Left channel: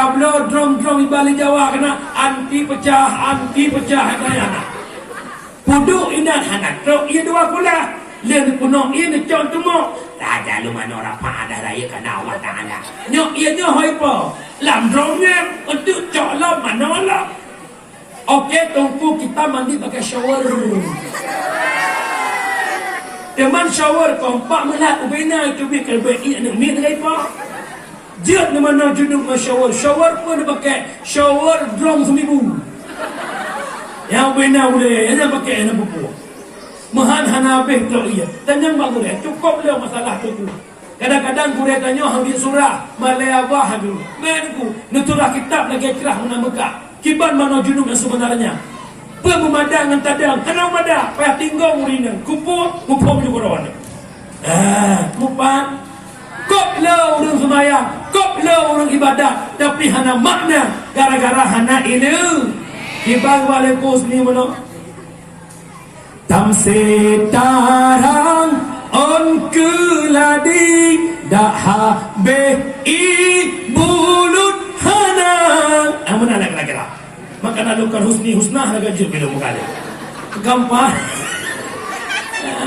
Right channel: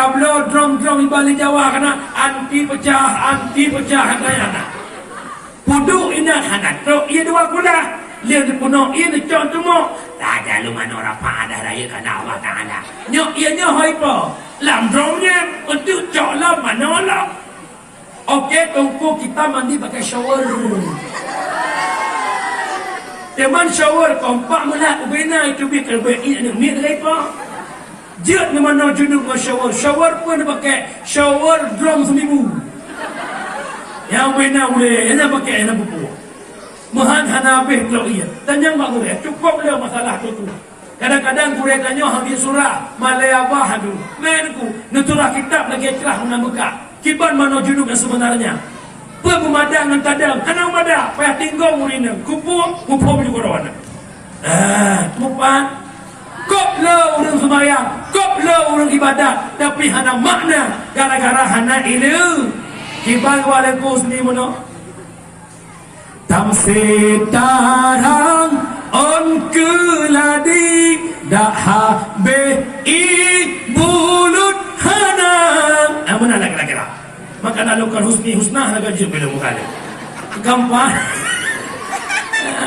tablo drum ibalik Jawa kena anti pecah katanya. Puduk ina anak truk ia dua pula. Dia dipunuh ia dicok semua. Tak ada lu mana orang pada raya kana Allah Taala. Nyok ia hoi po. Lam drumnya untuk cok lam mana lam. Okey, tunggu kita mandi pakai shower. Teman shower kompak melat ubena itu bikin baik ni mit lagi pa. Jat ni mana junuk dengan shower. Shower pun dia pakai shower drum seminggu. Yang ubena boleh, yang pakai yang buku. Mahan hanabeh kalau iya. Tanya mak gure, cukup le masalah tu. Kadang-kadang gure tanya hadis surah Malaya Wahadu. Menku, nuturah kitab lagi cerah mengamuka. Kiban mana junuk yang sebenarnya. Pememadang dan tadang. Kenapa madah? Payah tinggal urina. Kumpul juga rawan. Mupan. Kop lo urang sembahyang. Kop lo urang ibadat. Tapi hana makna. Gara-gara hana ini. Kiban walaupun ni mana? Tam setarang on keladi dah habis bulut hanang. Mana lagi lah. Maka nak lakukan husnah nak gaji bila muka dia. Gampang.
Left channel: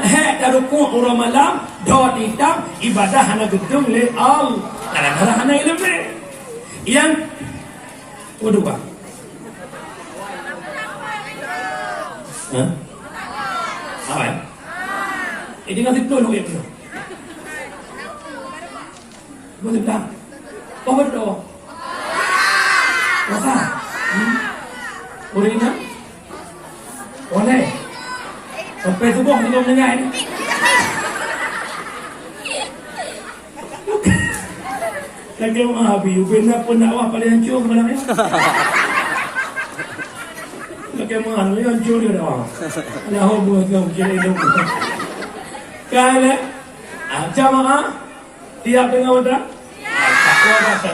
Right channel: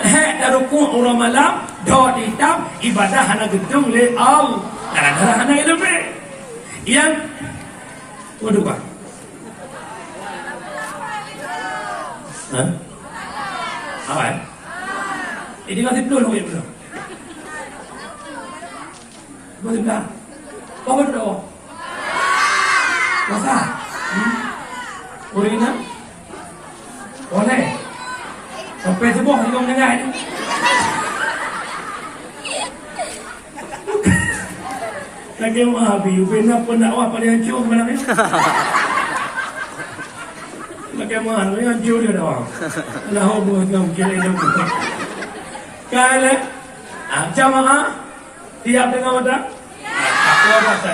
Hek darukun orang malam dot hitam ibadah hana gedung le al. Gara-gara hana ilmu. Yang kedua. Apa? Ini ngasih peluk ya belum? Boleh bilang? Oh berdoa. Masa? Urina? Boleh? Sampai sebuah kita mendengar ini. Lagi maaf, Ubena pendakwah paling hancur sebenarnya. Lagi maaf, ini hancur dia dah. Nah, buat kamu kira hidup. Kaya jamaah tiap dengan wadah.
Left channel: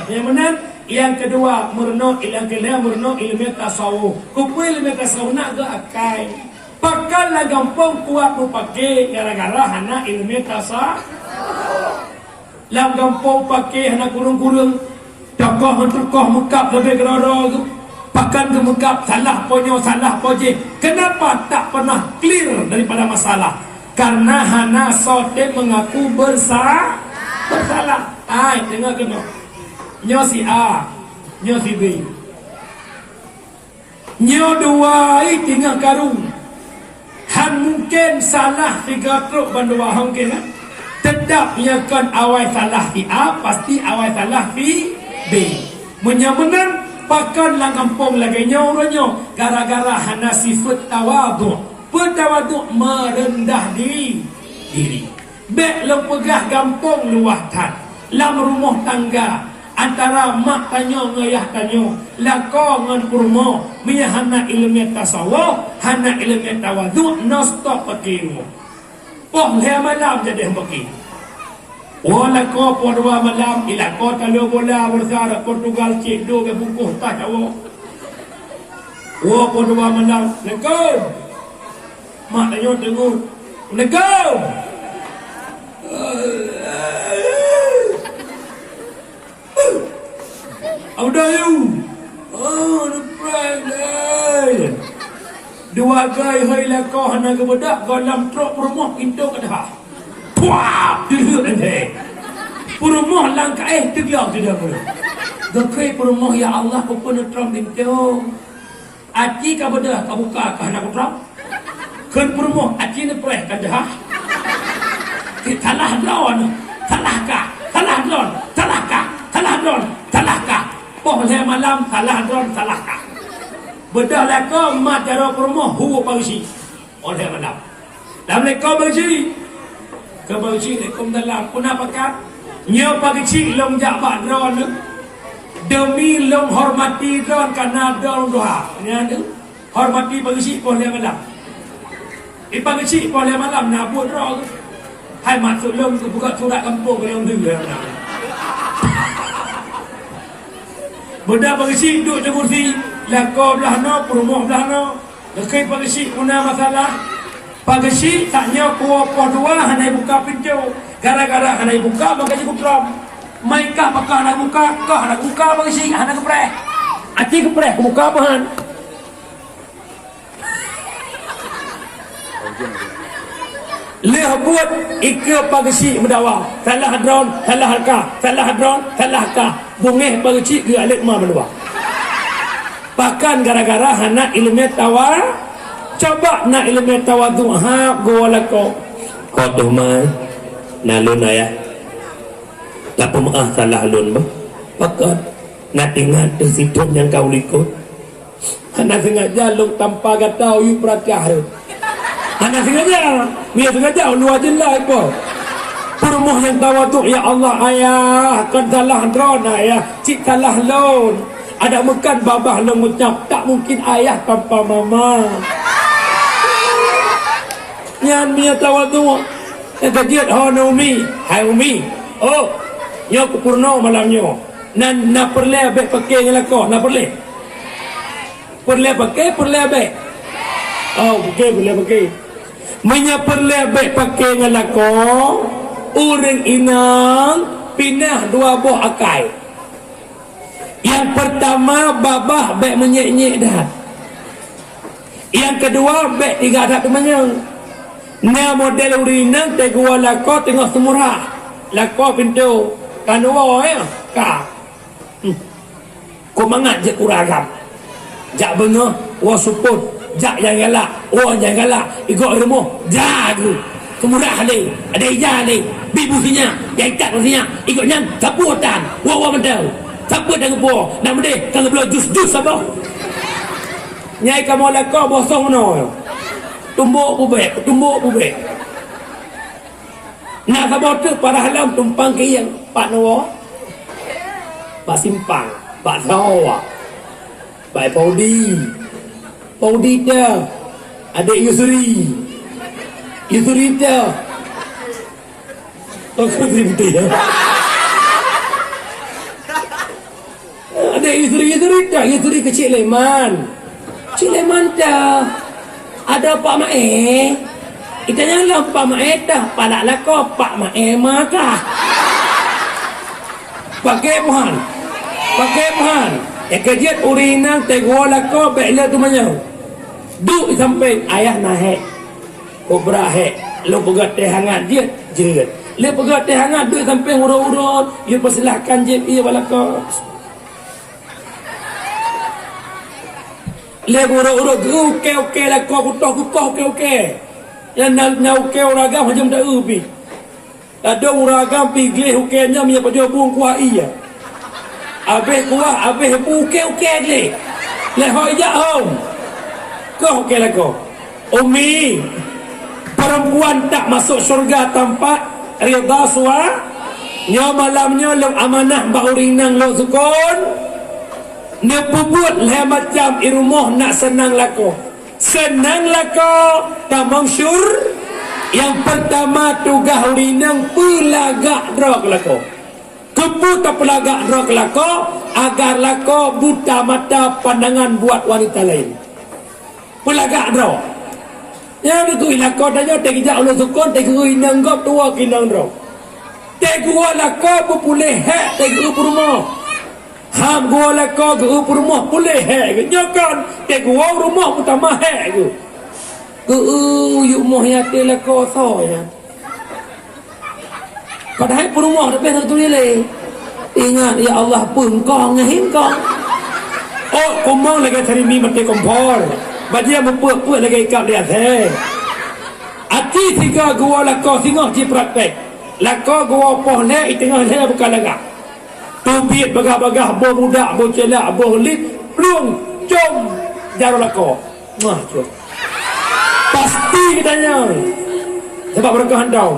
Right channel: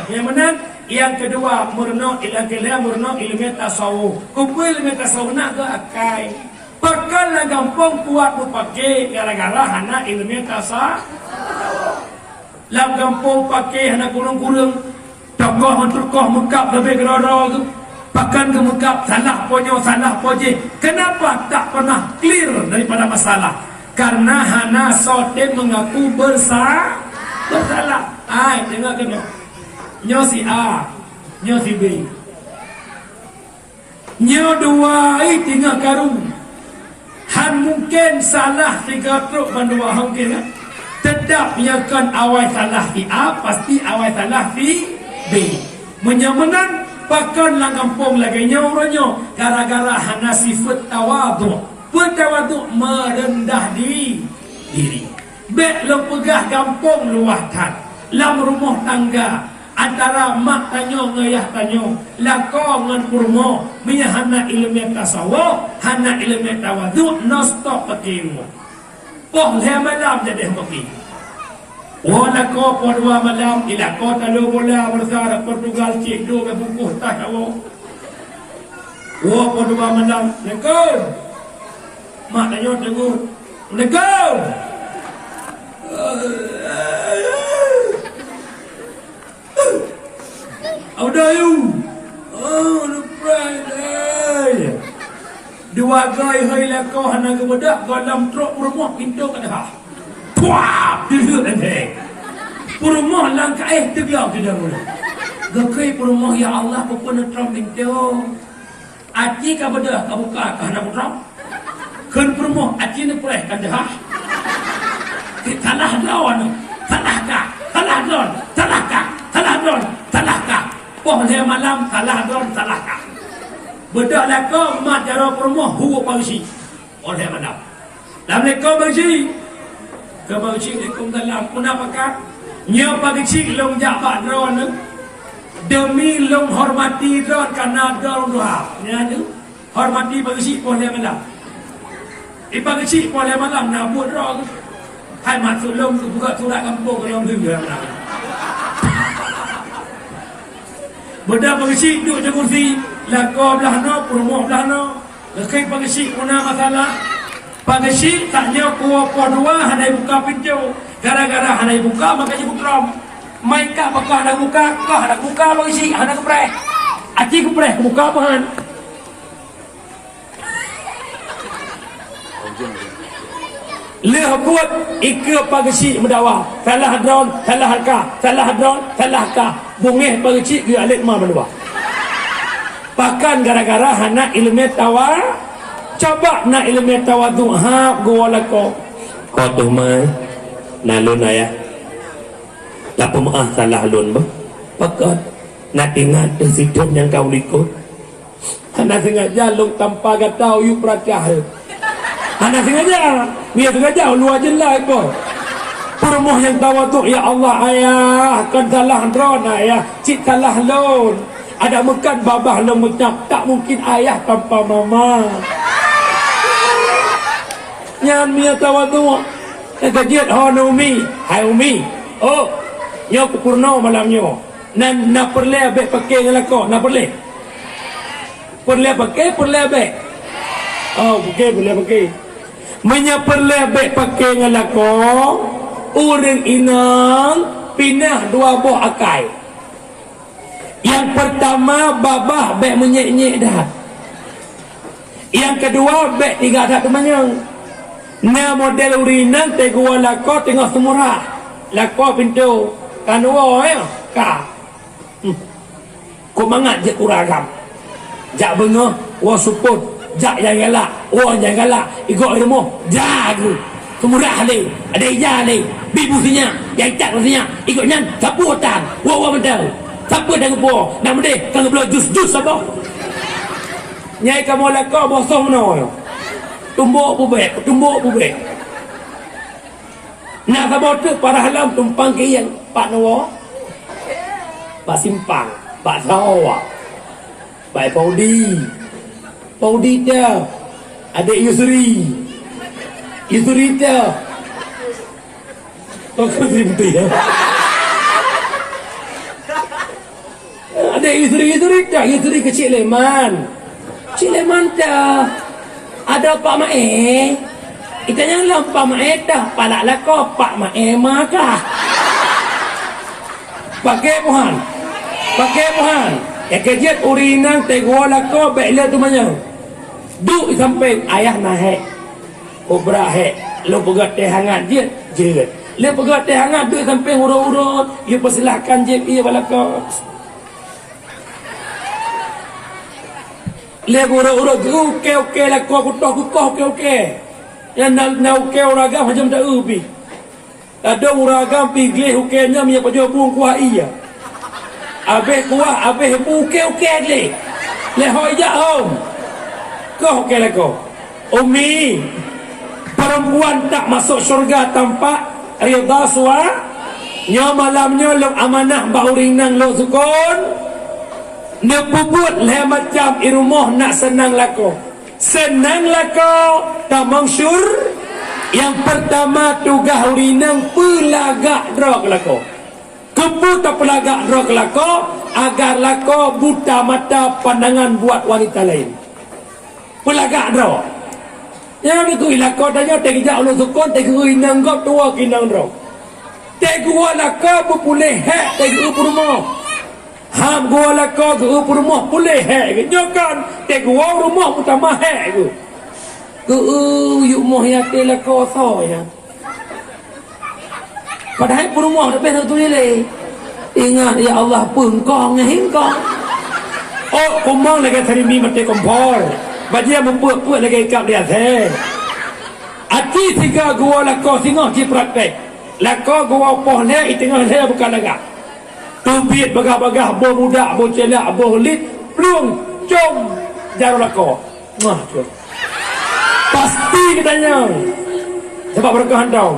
Yang menang. Yang kedua, murno ilmu tasawuf. Kupul ilmu tasawuf nak ke akai. Pakal lah gampang kuat pakai gara-gara hana ilmu tasawuf. Lam gampang pakai hana kurung-kurung. Tokoh mukap lebih gerada tu. Pakan ke mukap salah ponyo. Kenapa tak pernah clear daripada masalah? Karena hana sote mengaku bersalah. Dengar kenyo. Nyo si A, nyo si B. Nyo dua tinggal karu. Han mungkin salah tiga truk bandua mungkin. Tetap nyakan awal salah di A, pasti awal salah di B. Menyamenan pakan lang kampung lagi nyo. Gara-gara hana sifat tawaduk. Bertawaduk merendah diri. Bek lo pegah kampung luahtan. Lam rumah tangga. Antara mak tanya ngayah tanya lako ngan kurma miya hana ilmu tasawuf hana ilmu tawaduk no stop pakai rumah poh le malam jadi pakai wala ko podwa malam ila ko talo bola bersara Portugal cik do ke bukuh tak tahu podwa malam leko mak tanya tengok leko How are you? Oh, the Friday. Dua gay hai lako hana ke bedak dalam truk rumah pintu ke dah. Puah, duduk nanti. Rumah langkah tergiang tidak boleh. Gekai rumah ya Allah pun truk pintu. Aci ka bedak ka buka ka hana truk. Kun rumah aci ne preh ka dah. Salah lawan. Salahkah? Salah lawan. Salahkah? Boleh malam salah kah. Bedak laka mat cara rumah huwa pagsi. Oleh malam. Dalam leka pagsi. Ke pagsi lekum dalam puna pakat. Nyo pagsi long jabat drawan. Demi long hormati drawan karena drawan doa. Nya hormati pagsi boleh malam. Pagsi boleh malam nabut drawan. Hai masuk long ke buka surat kampung yang dulu. Benda pagisi duduk di kursi lako belah no, perumah belah no. Lekai pagisi una masalah. Pagisi taknya kuah dua hanai buka pintu. Gara-gara hanai buka makanya bukram. Mai kah pakah nak buka bagi sing hana kepreh. Aci kepreh ke buka apa han? Le buat ika pagi si mendawa. Salah hadron, salah halka, salah hadron, salah halka. Bungeh pagi si dia alik ma mendawa. Pakan gara-gara hana ilmu tawa. Coba nak ilmu tawadu ha gua lako. Kau tu mai nalun ayah. Lapa maaf salah lun ba? Pakat nak ingat situ yang kau likut. Hana sengaja long tanpa gatau you percaya. Hana sengaja, dia sengaja lu aja lah ipo. Permoh yang tawadu ya Allah ayah kan salah drone ayah, cik salah lun. Ada mekan babah long mencap tak mungkin ayah tanpa mama. Nyan mia tawadu. Kajiat ho umi, hai umi. Oh, nyo kupurno malamnyo. Nan na perle abe pakai ngelako, na perle. Perle abe. Oh, perle pakai. Menya perle abe pakai ngelako. Urang inang pindah dua buah akai. Yang pertama babah bek menyek-nyek dah. Yang kedua bek tiga dah tu manyang. Na model urinang tegua lako tengah semurah. Lako pintu kanua ya ka. Ko mangat je kuragam. Jak bengah wa suput, jak yang galak, wa yang galak. Igok ilmu jagu. Kemurah le, ada ija le. Bibu sinya, yang tak sinya. Igok nyan saputan, wa mentau. Sapu dah gepo, nak mendeh kang geblo jus-jus apa? Nyai kamu lako bosong no. Tumbuk bubek. Nak sabar tu para halam tumpang ke yang Pak Nawa. Pak Simpang, Pak Sawa. Pak Paudi dia. Adik Yusri dia. Aku dia. Adik Yusri dia. Yusri kecil Leman. Cik Leman dah. Ada Pak Mae. Kita jangan Pak Mae dah. Palak lako Pak Mae maka. Pakai puhan. Yang kejut urinang tegua lako beklah tu manyau. Duk sampai ayah naik. Kobra hek. Lo pegat teh hangat je. Lo pegat teh hangat duk sampai urut-urut. You persilahkan je ia balako. Le urut-urut okey lah kau kutoh okey. Yang na okey uragam macam tak ubi. Ada uragam pigih okeynya mia pada buang kuah iya. Habis kuah habis okey le. Le hoi ja om. Kau okey lah kau. Umi perempuan tak masuk syurga tanpa rida suami. Nya malamnya lo amanah baurinang lo sukun. Dia puput lah macam irumuh nak senang lako. Tamang syur. Yang pertama tugas urinang pelagak drog lako. Kepu tak pelagak drog lako. Agar lako buta mata pandangan buat wanita lain. Pelagak drog. Yang aku lako tanya tegak ulo sukun tegak inang kau tua kinang drog. Tegak lako berpulih hek tegak rumah. Ham gua lako ke rumah boleh hek. Nyokan tek gua rumah pertama hek ke. Yuk moh ya te lako so ya. Padahal rumah dah beres tu le. Ingat ya Allah pun kong ngehingkong. Oh, komong lagi cari mi mati kompor. Bajia mempuak-puak lagi kap dia teh. Ati tiga gua lako singoh di praktek. Lako gua poh ne tengah saya bukan lagak. Tumpit bagah-bagah boh muda, boh celak, boh lit, pelung, com, jarum lako. Wah, com. Pasti katanya. Sebab mereka handong.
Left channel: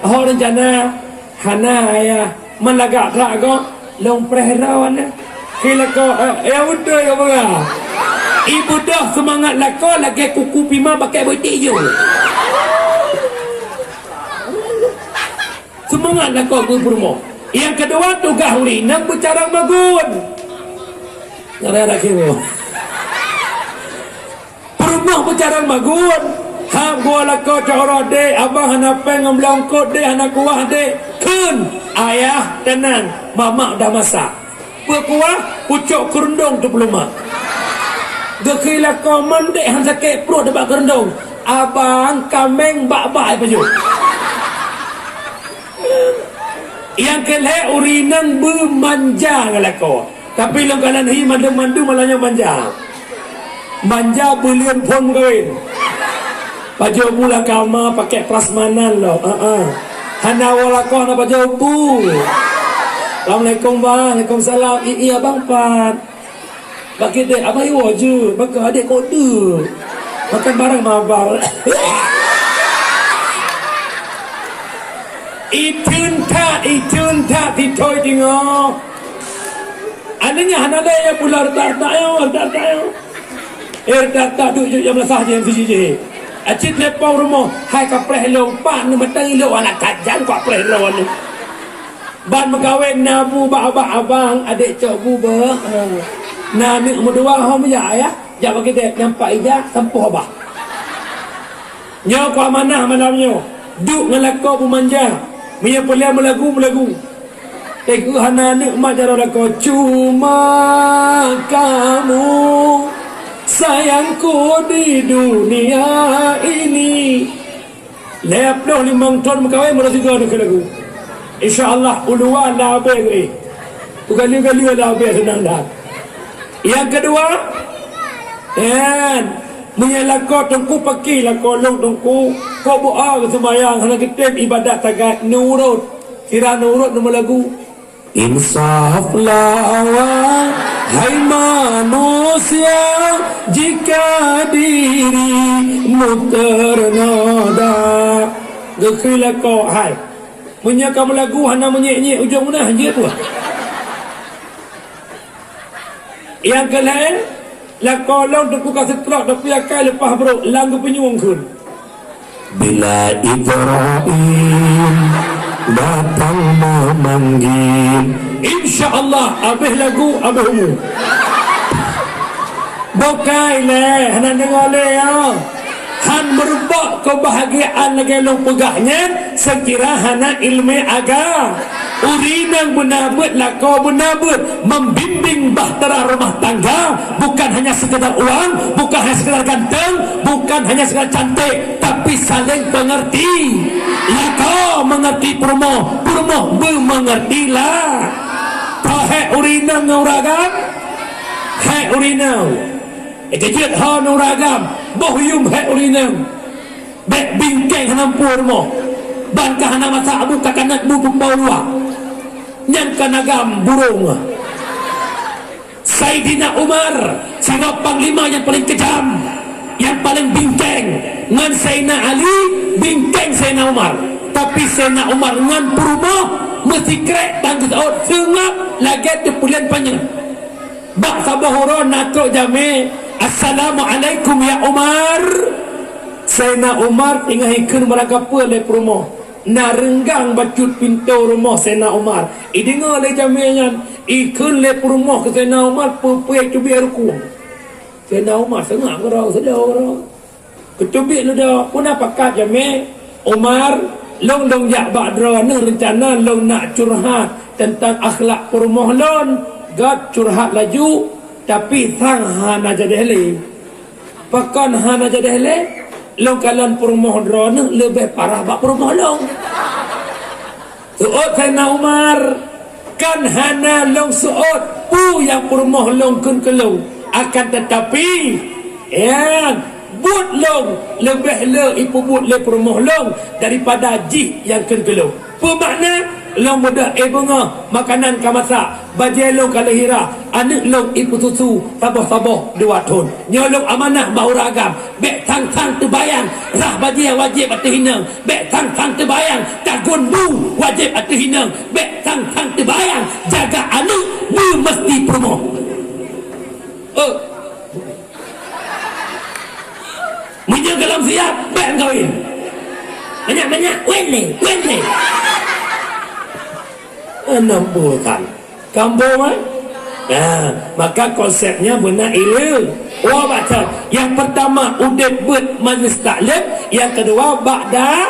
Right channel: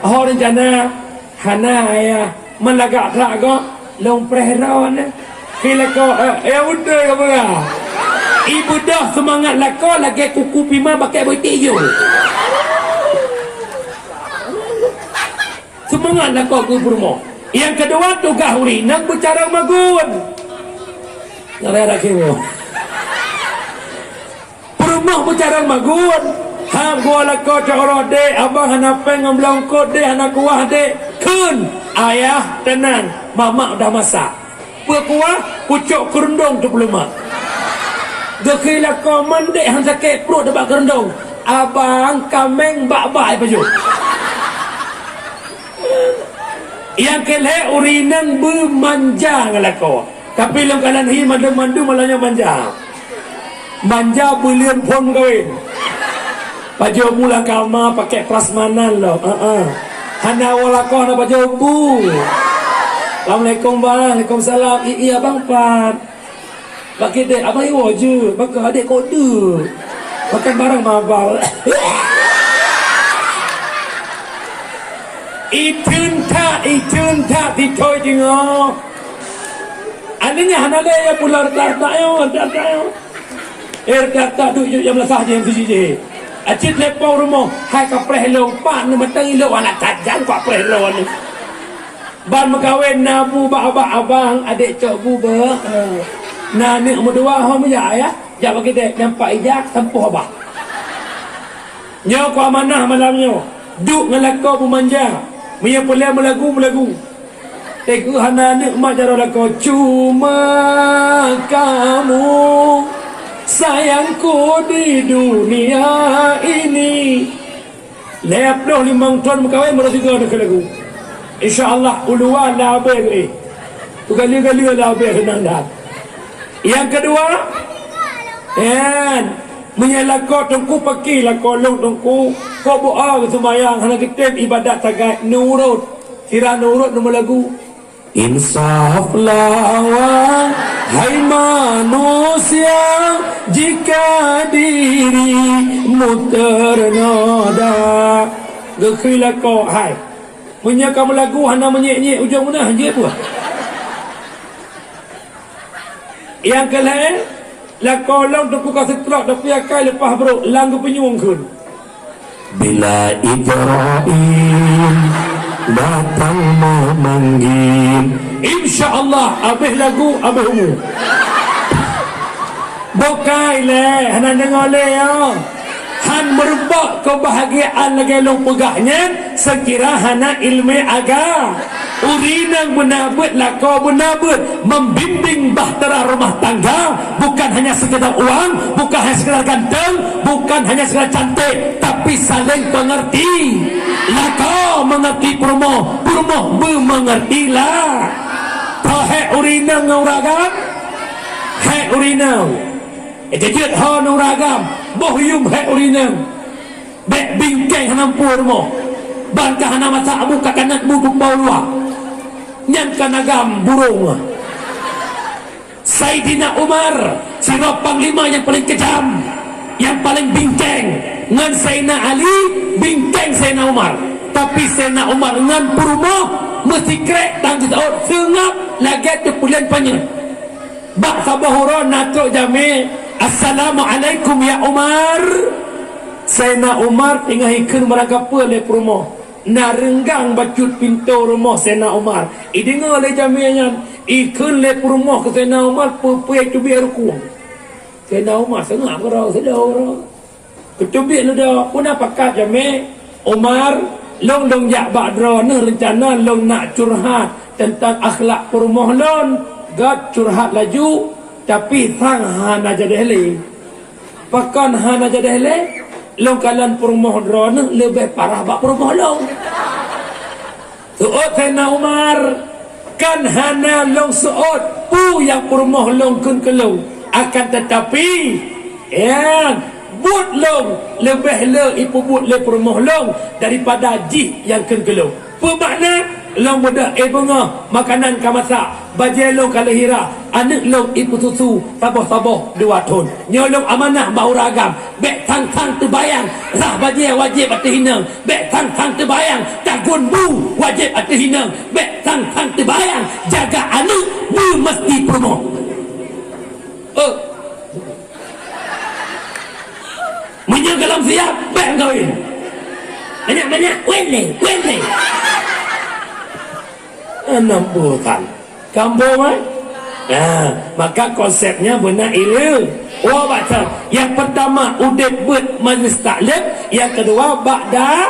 Orang rencana, hana ayah, melagak tak kau, long prehrawan. Kila kau, udah kau bagah. Ibu dah semangat lako, lagi kuku pima pakai boy tiyo. Semangat lako ke rumah. Yang kedua tugas urinang bercara magun. Ngara kira. Perumah bercara magun. hang gua lako coro dek abang hana peng ngelongkot dek hana kuah dek kun ayah tenang mama dah masak kuah pucuk kerendong tu belum mak gekei lako mandek hang sakit perut debat kerendong abang kameng bak-bak baju yang kelek urinang bermanja ngelako tapi long kalan hi mandu malahnya manja bulian pun kawin baju mula kama pakai prasmanan lo hana walako hana baju bu Assalamualaikum bang Waalaikumsalam iya bang Pat bagi dek abang iwo je baka adik kode makan barang mabal itun tak ditoi jengok anaknya hana ada yang pular tak tak duk jam lasah je yang je acit lepau rumah hai kapreh lo pan ni matang lo anak kajan kapreh lo ni ban megawin nabu abang adik cok bu ba na ni umdua ho ya ja bagi dek nampak ija tempuh abah nyo kwa mana malamnyo duk ngelako pemanja punya pelia melagu Teguh hana nikmat jaro lako cuma kamu sayangku di dunia ini leploh limang ton makawai merasiga nak lagu insyaallah ulua labe tu kali labe senang dah yang kedua menyalako tungku paki lako long tungku kau doa ke sembahyang hana kita ibadat tagat nurut kira nurut nama lagu insaflah hai manusia jika dirimu ternoda gekilah kau hai punya kamu lagu hana menyek-nyek ujung mana je tu yang kelain lah kolong tu kasih telak tapi akai lepas bro langgu penyuang kun bila Ibrahim datang memanggil insyaallah habis lagu habis umur bokai le hana dengar le han merebak kebahagiaan lagi long pegahnya sekira hana ilmu agama urinang benabut lako benabut membimbing bahtera rumah tangga bukan hanya sekedar uang bukan hanya sekedar ganteng bukan hanya sekedar cantik tapi saling mengerti lako mengerti perumoh bermengertilah tahek urinang ngauragam hek urinang ejejit ha ngauragam bohyum hek urinang bek bingkeng hanampu rumah bangkah hana masa abu kakanat bu pembau luar yang kanagam burung Saidina Umar seorang panglima yang paling kejam yang paling bingkeng ngan Sayyidina Ali bingkeng Sayyidina Umar tapi Sayyidina Umar ngan perumoh mesti krek tangguh saud sengap lagi tu pulian panjang bak sabahuron natuk jame assalamualaikum ya Umar Sayyidina Umar tinggal ikun merangkap le perumoh na renggang bacut pintu rumah Sayyidina Umar dengar le jaminya ikun le rumah ke Sayyidina Umar pupuai tu biar ruku Sayyidina Umar sengap kerau sedau ketubik lu dah pun apa kat jami Umar long jak badra ne rencana long nak curhat tentang akhlak rumah lon gad curhat laju tapi sang hana jadi hele pakan hana jadi hele long kalian perumah drone lebih parah bak perumah long suot Sayyidina Umar kan hana long suot pu yang perumah long kun kelong akan tetapi but long lebih le ipu but le perumah long daripada ji yang kun kelong bermakna long muda bunga makanan kamasa bajai long kalahira anak long ipu susu saboh-saboh 2 ton nyolong amanah bau ragam bek tang-tang terbayang rah bajai wajib atas hinang bek tang-tang terbayang tagun bu wajib atas hinang bek tang-tang terbayang jaga anak bu mesti promo menyang dalam siap bek kawin banyak-banyak wele 60 kan kampung Maka konsepnya benar ilu. Baca. Yang pertama udit bet majlis taklim, yang kedua ba'da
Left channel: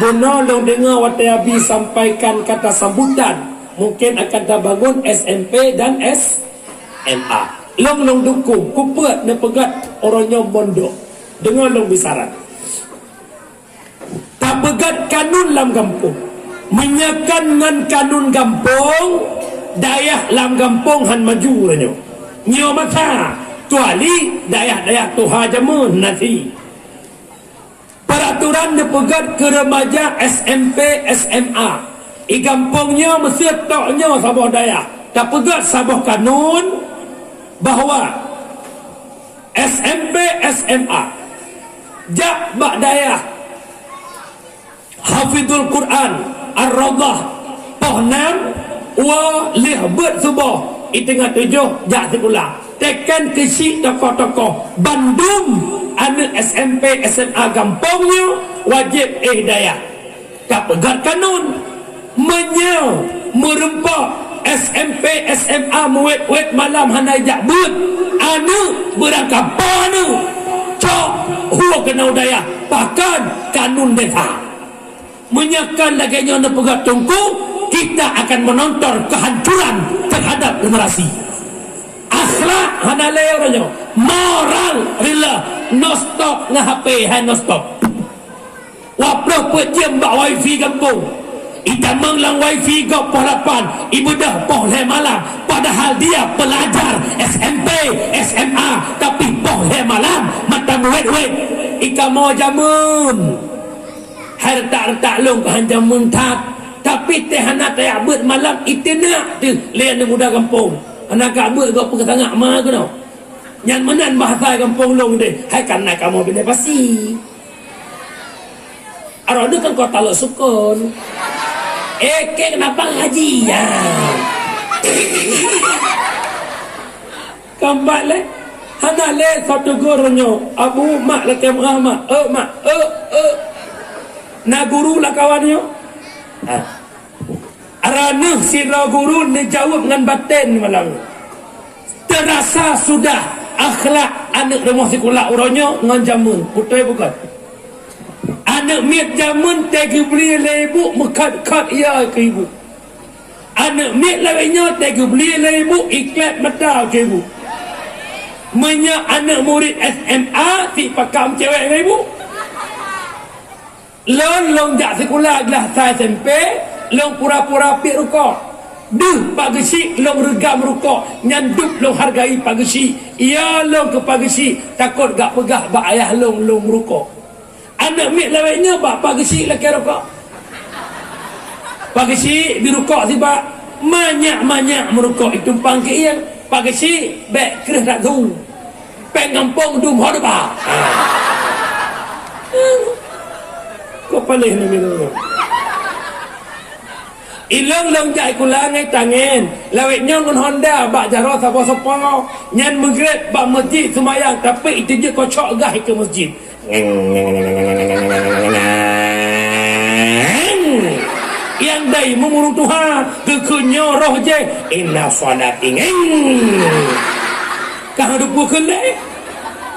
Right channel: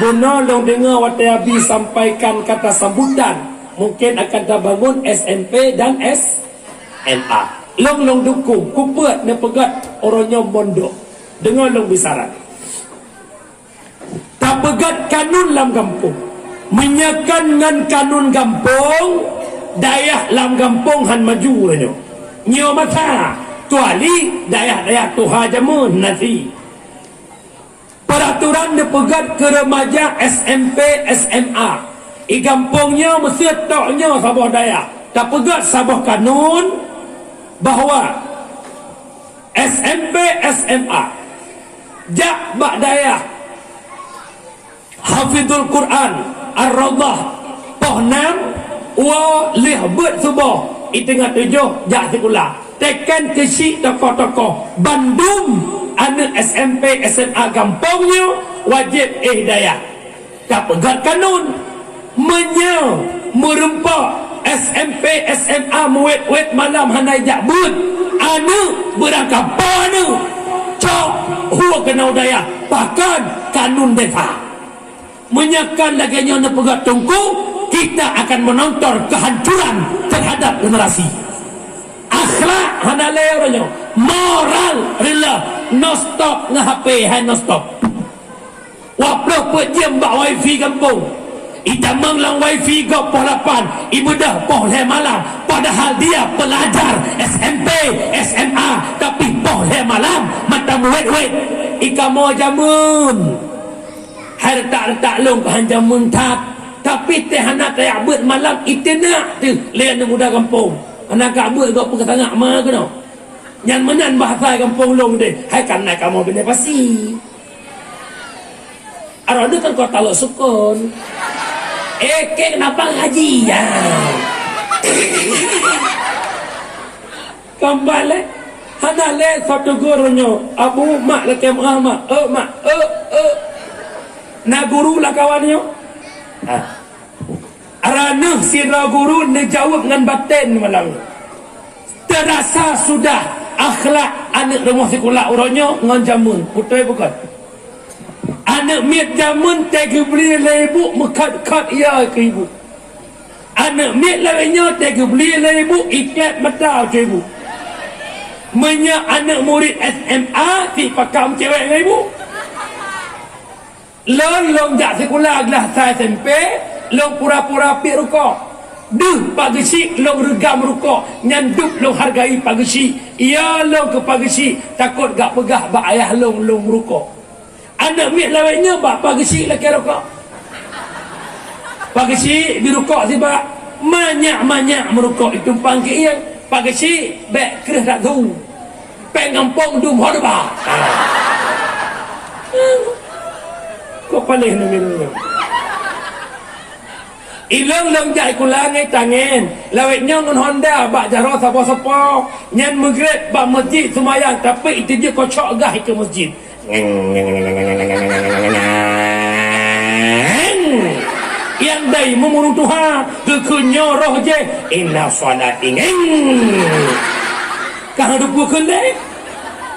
benar long dengar watai abi sampaikan kata sambutan. Mungkin akan terbangun SMP dan SMA. Long dukung kupet ne pegat orangnya mondok. Dengar long bisaran. Tak pegat kanun lam kampung. Menyakan ngan kanun kampung, dayah lam kampung han maju ranyo. Nyo mata tuali dayah tuha jamun nanti. Peraturan dipegat ke remaja SMP SMA. I kampungnya mesti toknya sabah dayah. Tak pegat sabah kanun bahawa SMP SMA jak bak dayah hafizul Quran Ar-Rawdah Pohnam wa lihbet subuh itengah 7 jak sekolah tekan kesi tokoh-tokoh Bandung anak SMP SMA kampungnya wajib dayah. Tak pegat kanun menyau merempak SMP SMA muwet malam hanai jak but anu berangkat anu cok huwa kena dayah bahkan kanun desa menyakan laganya na pegat tungku kita akan menonton kehancuran terhadap generasi. Akhlak hanale orangnya moral rela no stop ngah HP hai no stop wapro pejam bak wifi kampung ita menglang wifi go poh 8 ibadah poh le malam padahal dia pelajar SMP SMA tapi poh le malam mata wet ika mo jamun hai letak long ke jamun tak tapi teh anak teh abut malam itina tu lian muda kampung anak abut go pegatangak ma ke no nyan menan bahasa kampung long deh hai kan naik kamu benda pasti arode kan kota lo sukun kenapa ngaji ya kembali hanale satu gurunya abu mak leke Muhammad mak na guru lah kawannya arana sira guru ni jawab dengan batin malam terasa sudah akhlak anak rumah sekolah orangnya ngan jamun putai bukan anak miat jamun tegi beli ibu mekat ya ke ibu anak miat lainnya tegi beli ibu iklat mata ke ibu menyak anak murid SMA si pakam cewek ke ibu long jak sekolah gelah saya SMP long pura-pura pik rukuk pagi si long regam rukuk nyanduk long hargai pagi si iya long ke pagi si takut gak pegah bak ayah long rukuk anak mik lainnya bak pagi si laki rukuk pagi si dirukuk si bak banyak merukuk itu pangki yang pagi si bek kereh tak tu pengampung dum hodba kau paling ni minum Ilong jai kulangai tangan lawetnya ngon Honda bak jaro sapa-sapa nyan maghrib bak masjid semayang tapi itu dia kocok gah ke masjid yang dai memurung Tuhan kekunyo roh je inna salati kah ada buku kendai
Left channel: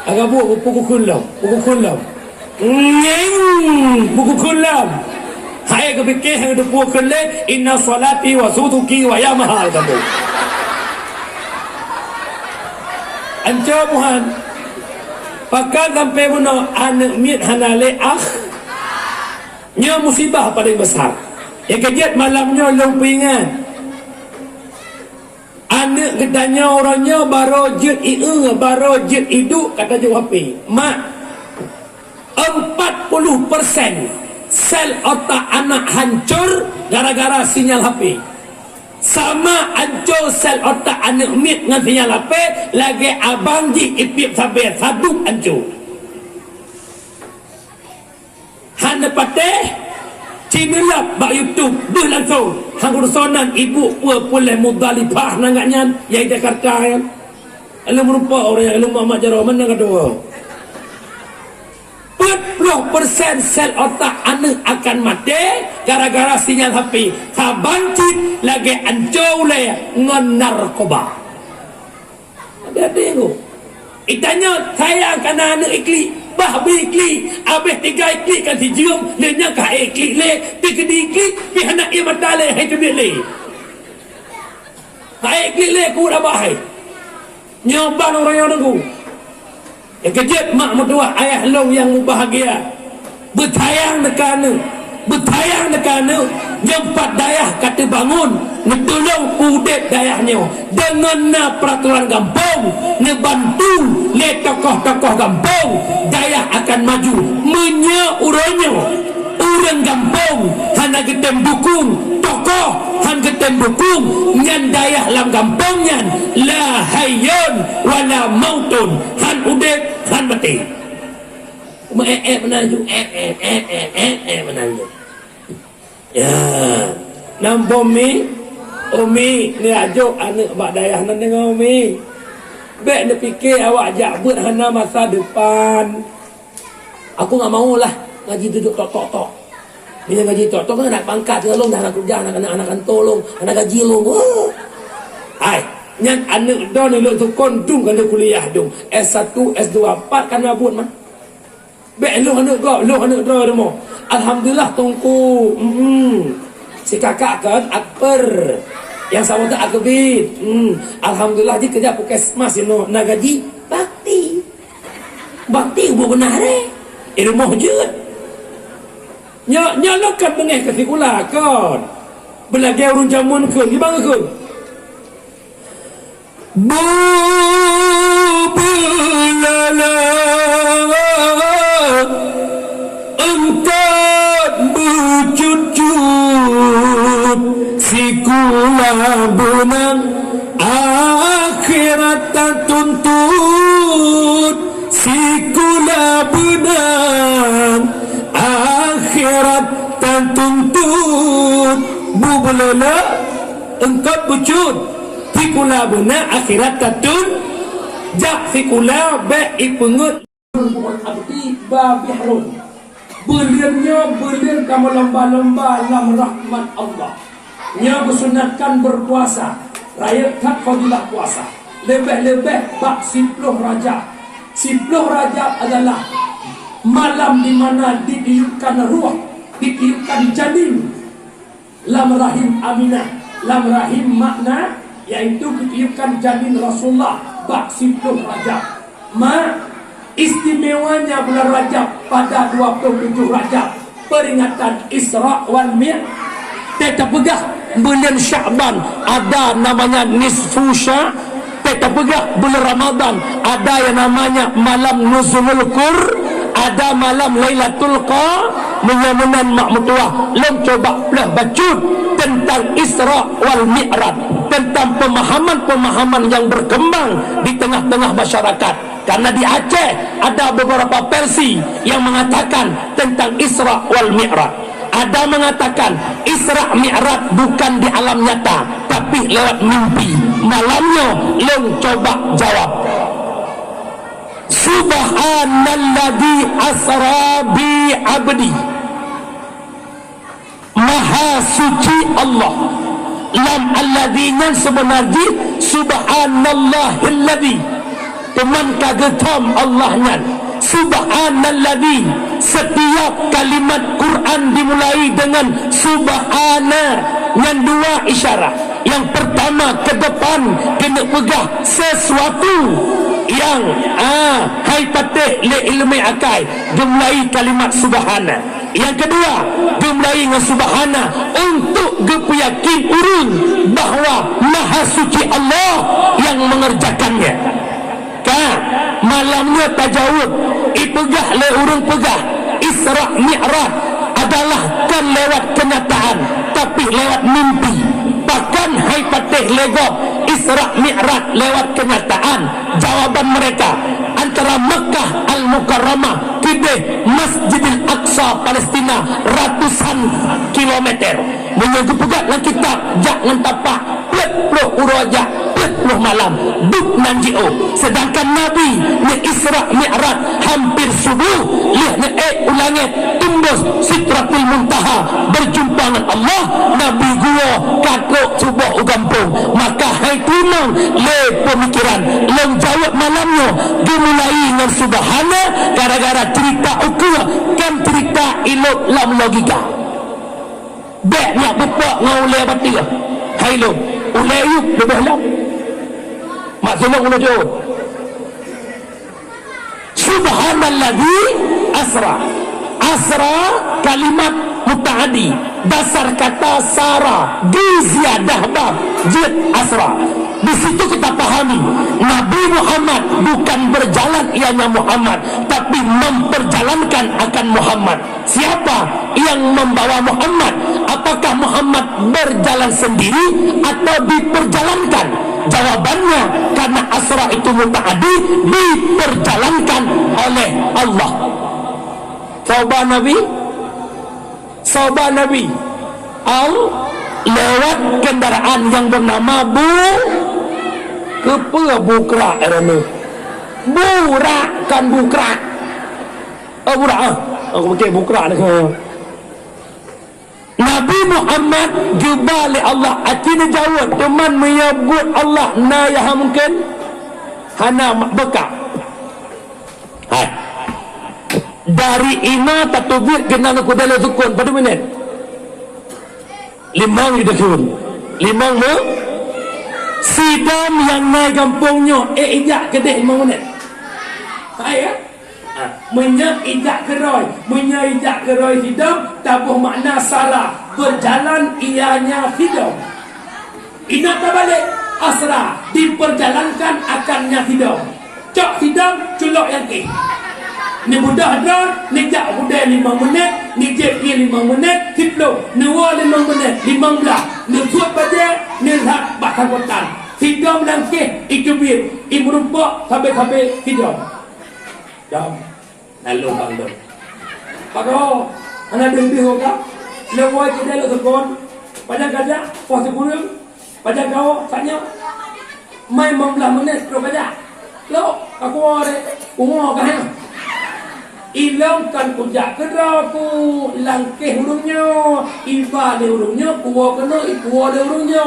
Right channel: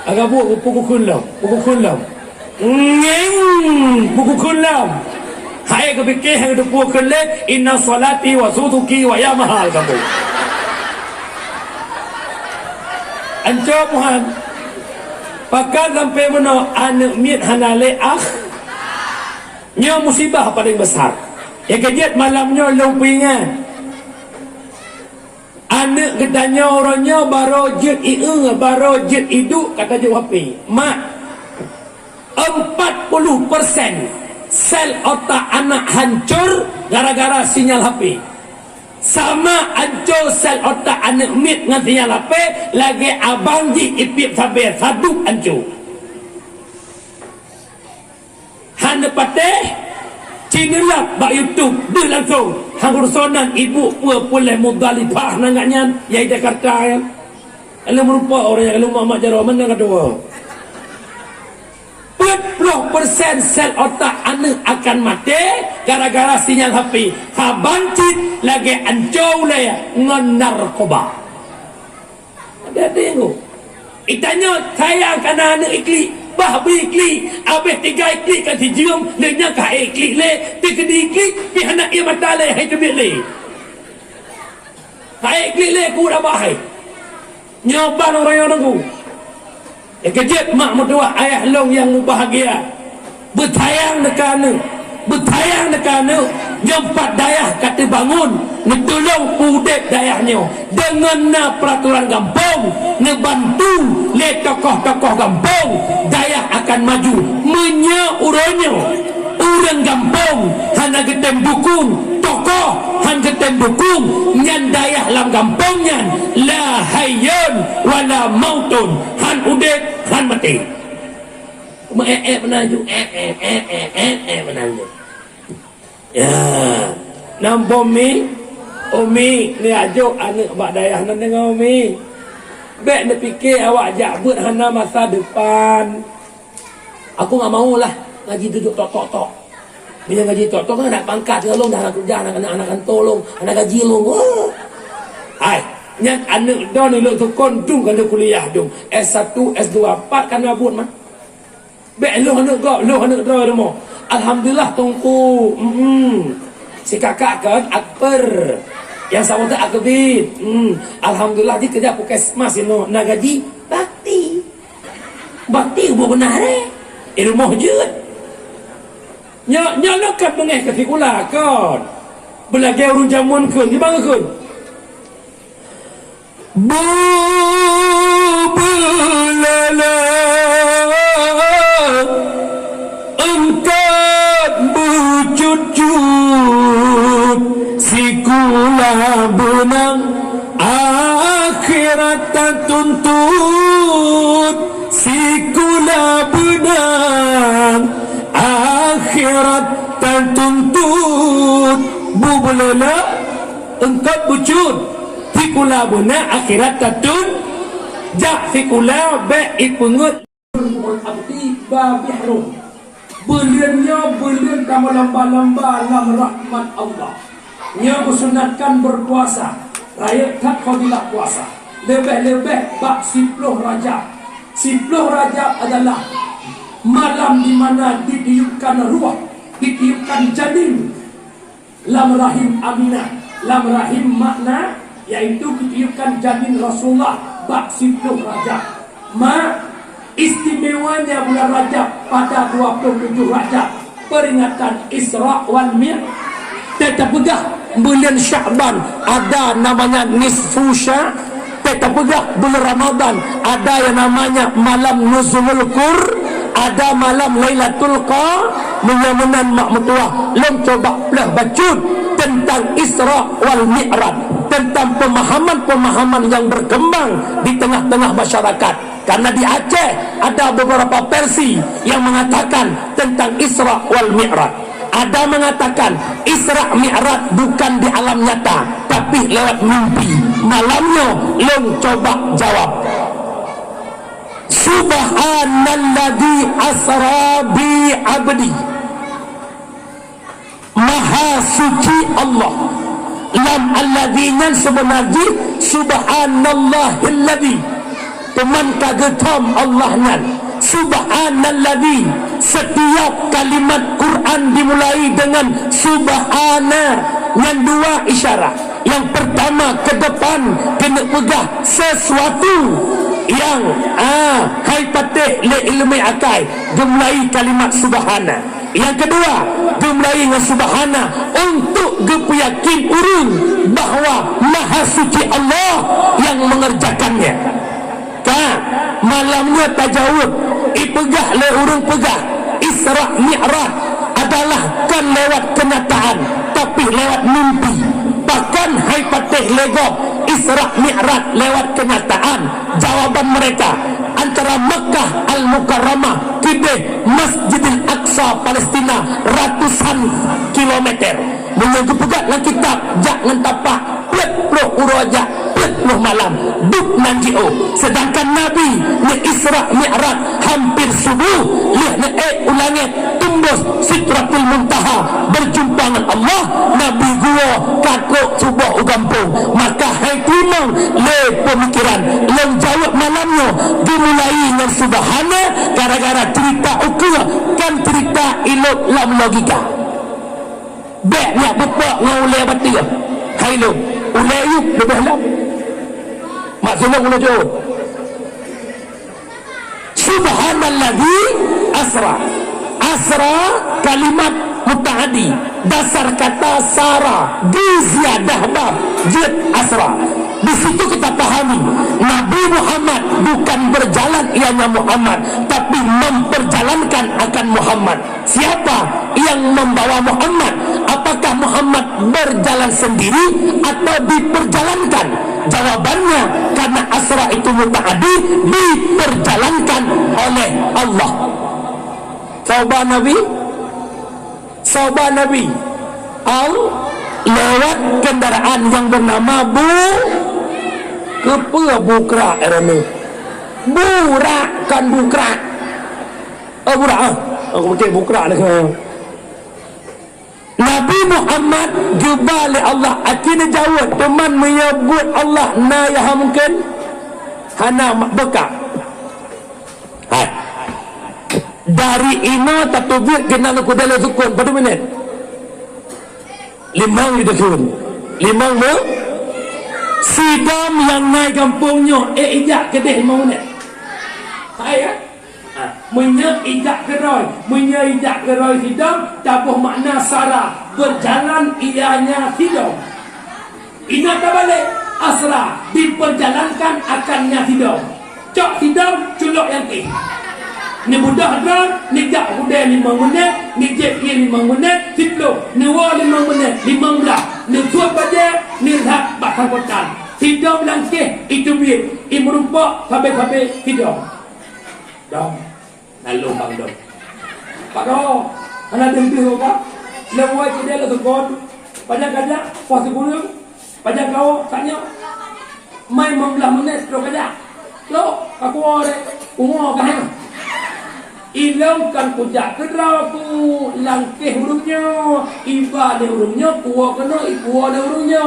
agak buku kunlam buku kunlam hai kepikir yang ada buku kendai inna salati wa sutuki wa ya mahal kamu anco Tuhan pakai sampai mana anak miat hanale nya musibah paling besar yang kejat malamnya lumpingan anak katanya orangnya baru jet hidup kata jawab mak 40% sel otak anak hancur gara-gara sinyal HP sama hancur sel otak anak mit dengan sinyal HP lagi abang ji ipip sabar sadup hancur hanya pateh Cinilap bak YouTube dia langsung hang urusonan ibu pulai mudalibah nangannya yai Jakarta kan kalau merupa orang yang mak jaro mana kedua 40% sel otak anak akan mati gara-gara sinyal HP sabancit lagi ancau le ngan narkoba Jadi tu. Itanya sayang kana anak ikli, bah beri ikli, habis 3 ikli kan dijium, lenya kah ikli le, 3 ikli, pi anak ia mata le, hai tu le. Hai ikli le ku dah bahai. Nyoban orang yang nunggu. Kejut mak mertua ayah long yang bahagia. Bertayang dekana, bertayang dekana, nyempat dayah kata bangun, netolong udep dayahnya dengan na peraturan kampung, nebantu le tokoh-tokoh kampung, dayah akan maju, menya uranya, orang kampung, hana getem dukung, tokoh, han getem dukung, nyan dayah lam kampung nyan, la hayyun wala mautun, han udep, han mati. Menaju, menaju. Ya, nampak Umi ni ajuk anak abak dayah nak dengar Umi. Baik nak fikir awak jabut hana masa depan. Aku tak maulah ngaji duduk tok. Bila ngaji tok kan nak pangkat tolong dah nak kerja anak tolong, anak gaji long. Hai, yang anak dah ni lu tukon dung kan kuliah dung. S1, S2, 4 kan abut mah. Baik lu anak dah demo. Alhamdulillah tungku. Si kakak kan Akbar. Yang sama tu Akbid. Alhamdulillah dia kerja puskesmas you nak gaji bakti. Bakti ubo benar rumah je. Nya lekat dengan kesikula kan. Belajar urun jamun kun, di bangga kun. Bulala engkat bercucut sikula benang akhirat tak tuntut sikula benang akhirat tak tuntut bulala engkat bercucut sikula benang akhirat tak tuntut jak sikula baik ipungut abdi babihrun Belian kamu lamba-lamba dalam rahmat Allah. Yang bersunatkan berpuasa. Rayakan fadilah puasa. Lebih-lebih bak 10 Rajab. 10 Rajab adalah malam di mana ditiupkan ruh, ditiupkan janin lam rahim Aminah, lam rahim makna yaitu ditiupkan janin Rasulullah bak 10 Rajab. Istimewanya bulan Rajab pada 27 Rajab peringatan Isra wal Mi'raj. Tetap pegah bulan Sya'ban ada namanya Nisfu Sya'. Tetap pegah bulan Ramadan ada yang namanya malam Nuzulul Qur, ada malam Lailatul Qadar. Mudah-mudahan mak mertua lem coba belah bacut tentang Isra wal Mi'raj, tentang pemahaman-pemahaman yang berkembang di tengah-tengah masyarakat. Karena di Aceh ada beberapa versi yang mengatakan tentang Isra wal Mi'raj. Ada mengatakan Isra Mi'raj bukan di alam nyata, tapi lewat mimpi. Malamnya lem coba jawab. Subhanalladzi asra bi abdi. Maha suci Allah. Lam alladzina sebenarnya subhanallahilladzi. Teman kagetom Allahnya. Subhanalladzi. Setiap kalimat Quran dimulai dengan subhana dengan 2 isyarat. Yang pertama ke depan kena pegah sesuatu yang hai patih le ilmi akai dimulai kalimat subhana. Yang kedua dimulai dengan subhana untuk gepiyakin urun bahawa maha suci Allah yang mengerjakannya. Malamnya tajawud ipegah le urung pegah Isra Mi'raj adalah kan lewat kenyataan tapi lewat mimpi. Bahkan hai patih legok Isra Mi'raj lewat kenyataan. Jawaban mereka antara Mekah Al-Mukarramah ke Masjidil Aqsa Palestina ratusan kilometer. Menunggu pegat dalam kitab jak ngan tapak plek uroja 30 malam duk nan jio. Sedangkan Nabi ni Isra Mi'raj hampir subuh lihat ni ulangnya tembus Sidratul Muntaha berjumpa dengan Allah. Nabi gua kakuk cuba ugampung. Maka hai tunang le pemikiran yang jawab malamnya dimulai dengan subhana gara-gara cerita ukir kan cerita ilok lam logika. Deknya bapak ngau le batia. Hai lo, ulai yuk lebih lam. Maksudnya ulai jauh. Subhanalladzi asra. Asra kalimat mutaaddi, dasar kata sara di ziyadah bab jid asra. Di situ kita pahami Nabi Muhammad bukan berjalan ianya Muhammad, tapi memperjalankan akan Muhammad. Siapa yang membawa Muhammad? Apakah Muhammad berjalan sendiri atau diperjalankan? Jawabannya karena asra itu mutaaddi, diperjalankan oleh Allah. Sahabat Nabi lewat kendaraan yang bernama Bukra kan Bukra. Aku pakai Bukra ni saya. Nabi Muhammad jumpa oleh Allah. Akhirnya jawab teman menyebut Allah na ya mungkin hana bekak. Dari ina tatubir kena aku dalam sukun pada minit 5 disuruh 5 sidam yang naik kampungnya ijak kedek 5 minit saya ijak keroy sidam tabuh makna salah berjalan ianya sidam ina terbalik asra diperjalankan akannya sidam cok sidam culok yang ke ni budak drone, ni jak budak 5 minit, ni JP 5 minit, hitlo, ni wall 5 minit, 15, ni suat pada, ni hak batakotan. Hidung langkih, itu bir, imrumpak, sampai hidung. Jom, lalu bang dong. Pado, anak dengdi apa? Lewai kita le sekon, pada kaja, puas kurang, pada kau, tanya, main 15 menit, lo kaja. Lo, aku ada, umur kah? Ilangkan kujak kedraku langkih hurungnya iba di hurungnya kuwa kena ikuwa di hurungnya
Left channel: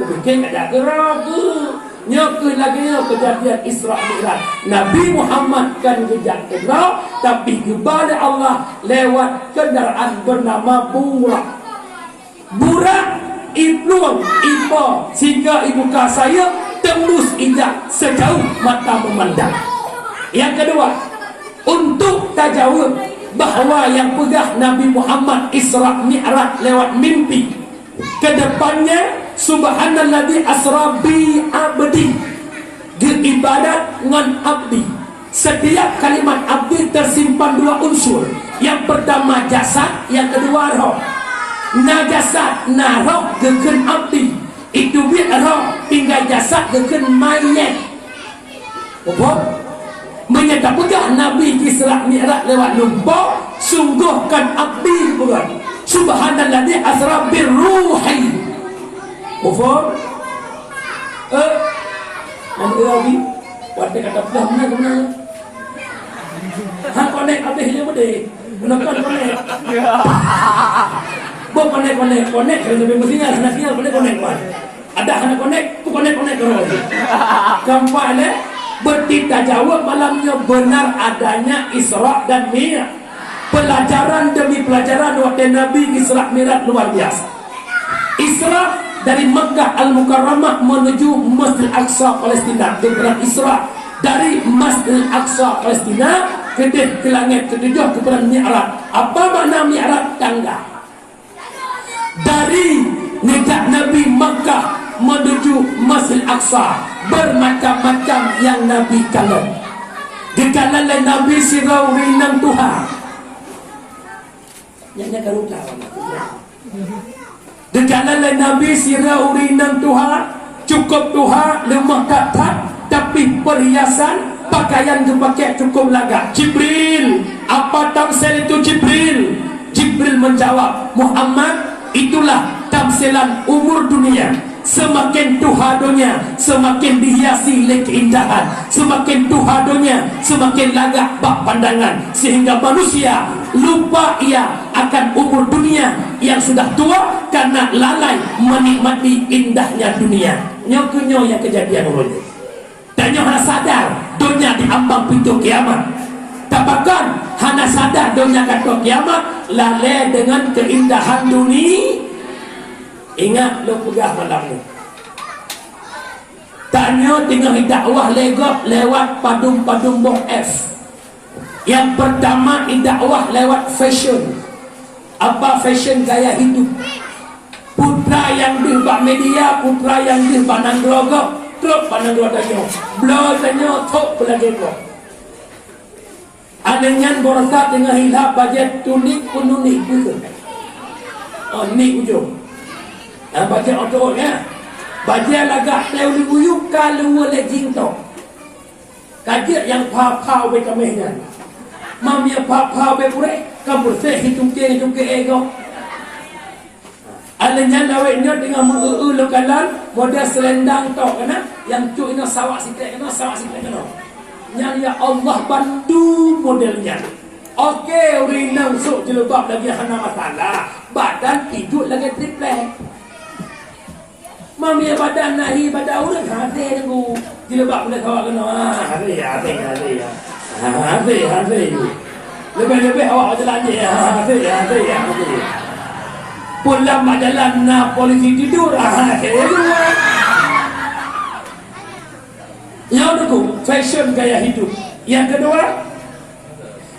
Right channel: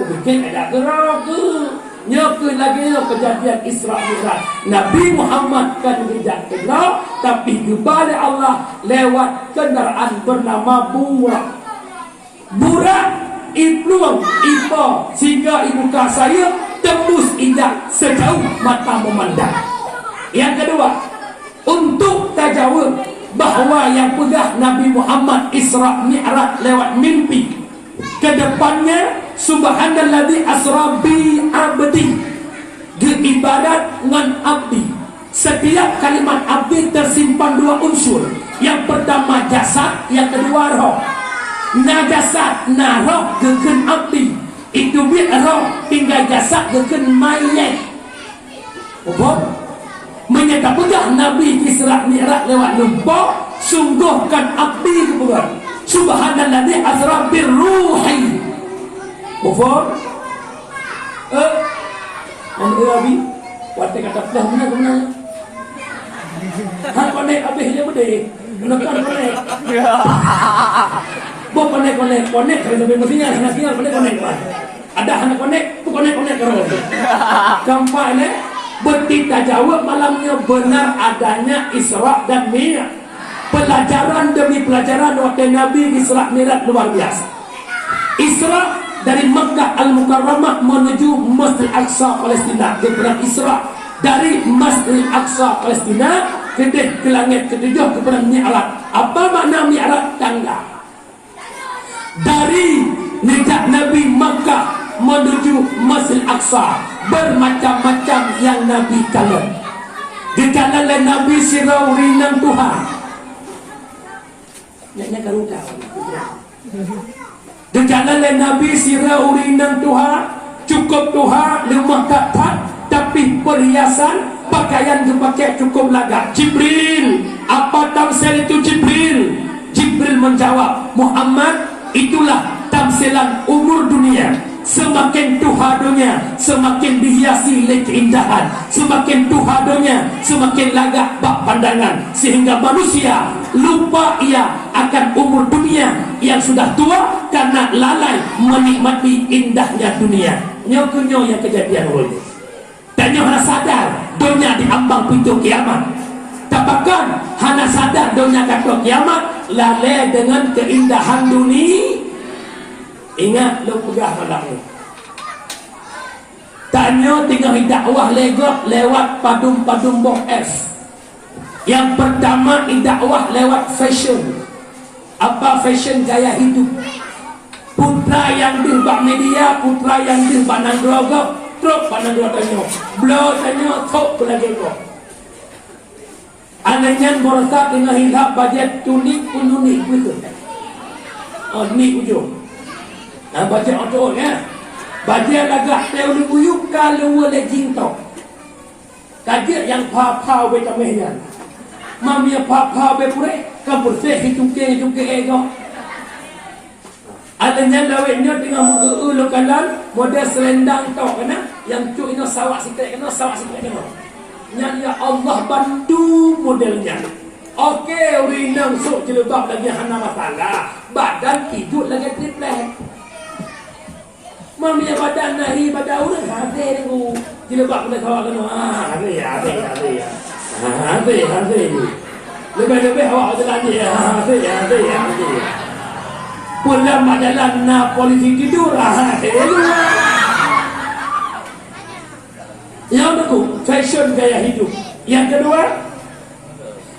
kebikin ada geraku nyakut lagi kejadian Isra Mi'raj Nabi Muhammad kan kujak kedra tapi kepada Allah lewat kendaraan bernama Burak Ibnu Ipa sehingga ibu saya tembus indah sejauh mata memandang. Yang kedua, untuk tajawab bahawa yang pegah Nabi Muhammad Isra Mi'raj lewat mimpi kedepannya subhanalladzi asra bi abdi diibadat dengan abdi. Setiap kalimat abdi tersimpan 2 unsur. Yang pertama jasad, yang kedua roh. Na jasad na roh gekeun abdi itu bi roh tinggal jasad gekeun mayat. Menyatakan Nabi Isra Mi'raj lewat lumpur sungguhkan abdi keburan subhanalladzi asra birruhi kufur nanti Nabi waktu kata dah mana ke mana hak konek habis dia berde gunakan konek buat konek kalau sampai mestinya konek ada anak konek tu konek kalau gampang bertita jawab malamnya benar adanya Isra dan Mi'raj. Pelajaran demi pelajaran waktu Nabi Isra Mi'raj luar biasa. Isra dari Makkah Al-Mukarramah menuju Masjid Al-Aqsa Palestina. Dia Isra dari Masjid Al-Aqsa Palestina ke langit ketujuh kepada Mi'raj. Apa makna Mi'raj? Tangga. Dari negara Nabi Makkah menuju Masjid Al-Aqsa bermacam-macam yang Nabi kalah. Dikalah oleh Nabi sirau rinang Tuhan. Yang kalau tahu. Dikalah oleh Nabi sirau rinang Tuhan, cukup Tuhan lemah katat, tapi perhiasan pakaian dipakai cukup lagak. Jibril, apa tamsil itu Jibril? Jibril menjawab, Muhammad itulah tamsilan umur dunia. semakin tuhadonya, semakin dihiasi oleh keindahan, semakin tuhadonya, semakin lagak bak pandangan, sehingga manusia lupa ia akan umur dunia yang sudah tua karena lalai menikmati indahnya dunia. Nyokunyo yang kejadian itu. Dan nyo hana sadar dunia diambang pintu kiamat. Tapakan hana sadar dunia kata kiamat lalai dengan keindahan dunia. Ingat lo pegah padamu. Tanya tengah dakwah lewat padum-padum boh F. Yang pertama dakwah lewat fashion. Apa fashion? Gaya hidup. Putra yang dirbak media, putra yang dirbak nandroga, truk panandroga tanya. Blo tanya tok pelagi kok. Anaknya borosat tengah hilap bajet tunik penunik gitu. Oh ni ujung. Baca auto ya. Baca lagak teori uyuk kalau boleh jingtok. Kajian yang pau be kamehnya. Mamia pau be pure, kampur se hitung ke ego. Alanya nawe nyo tengah mengulu kalan model selendang tok kana yang cu ino sawak sikit kena sawak sikit kena. Nyan ya Allah bantu modelnya. Okey, urinam sok jilbab lagi hana masalah. Badan tidur lagi triplek. Mami badan nahi pada orang hati tu. Jilbab boleh kawak kena. Hati. Lebih awak jalan ni. Hati. Pulang jalan na polisi tidur. Hati. Yang itu fashion gaya hidup. Yang kedua,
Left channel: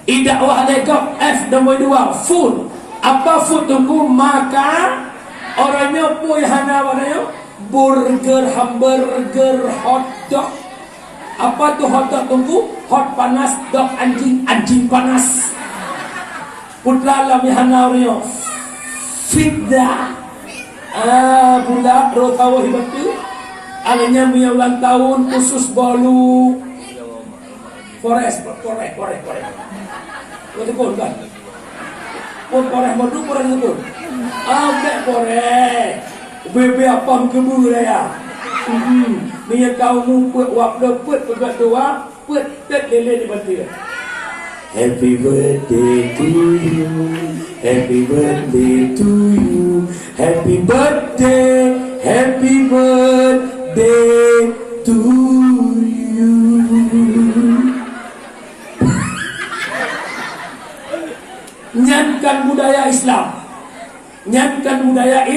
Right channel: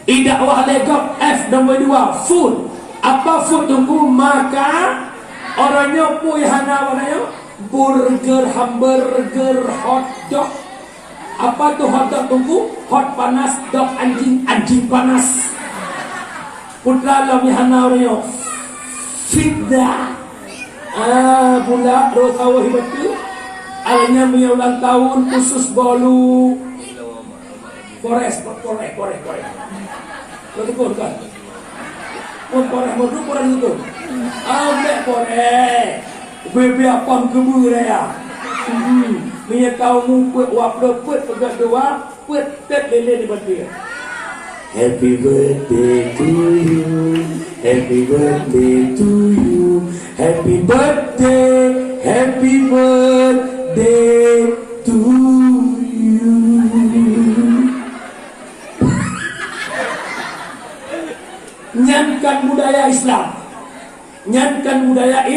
dakwah legok F nombor 2 food. Apa food tunggu maka orangnya pun hanya warnanya burger, hamburger, hot dog. Apa tu hot dog tunggu? Hot panas, dog anjing panas. Putra lam hana orangnya fitda. Bulan rokawa hidup tu. Alanya punya ulang tahun khusus bolu korek. Betul kan? Pun korek madu korek betul. Ambil korek. Bebe apa kebun raya. Punya kau numput wak leput pegat dua put tet lele di batu. Happy birthday to you. Happy birthday to you. Happy birthday to you. Nyankan budaya Islam. Nyankan budaya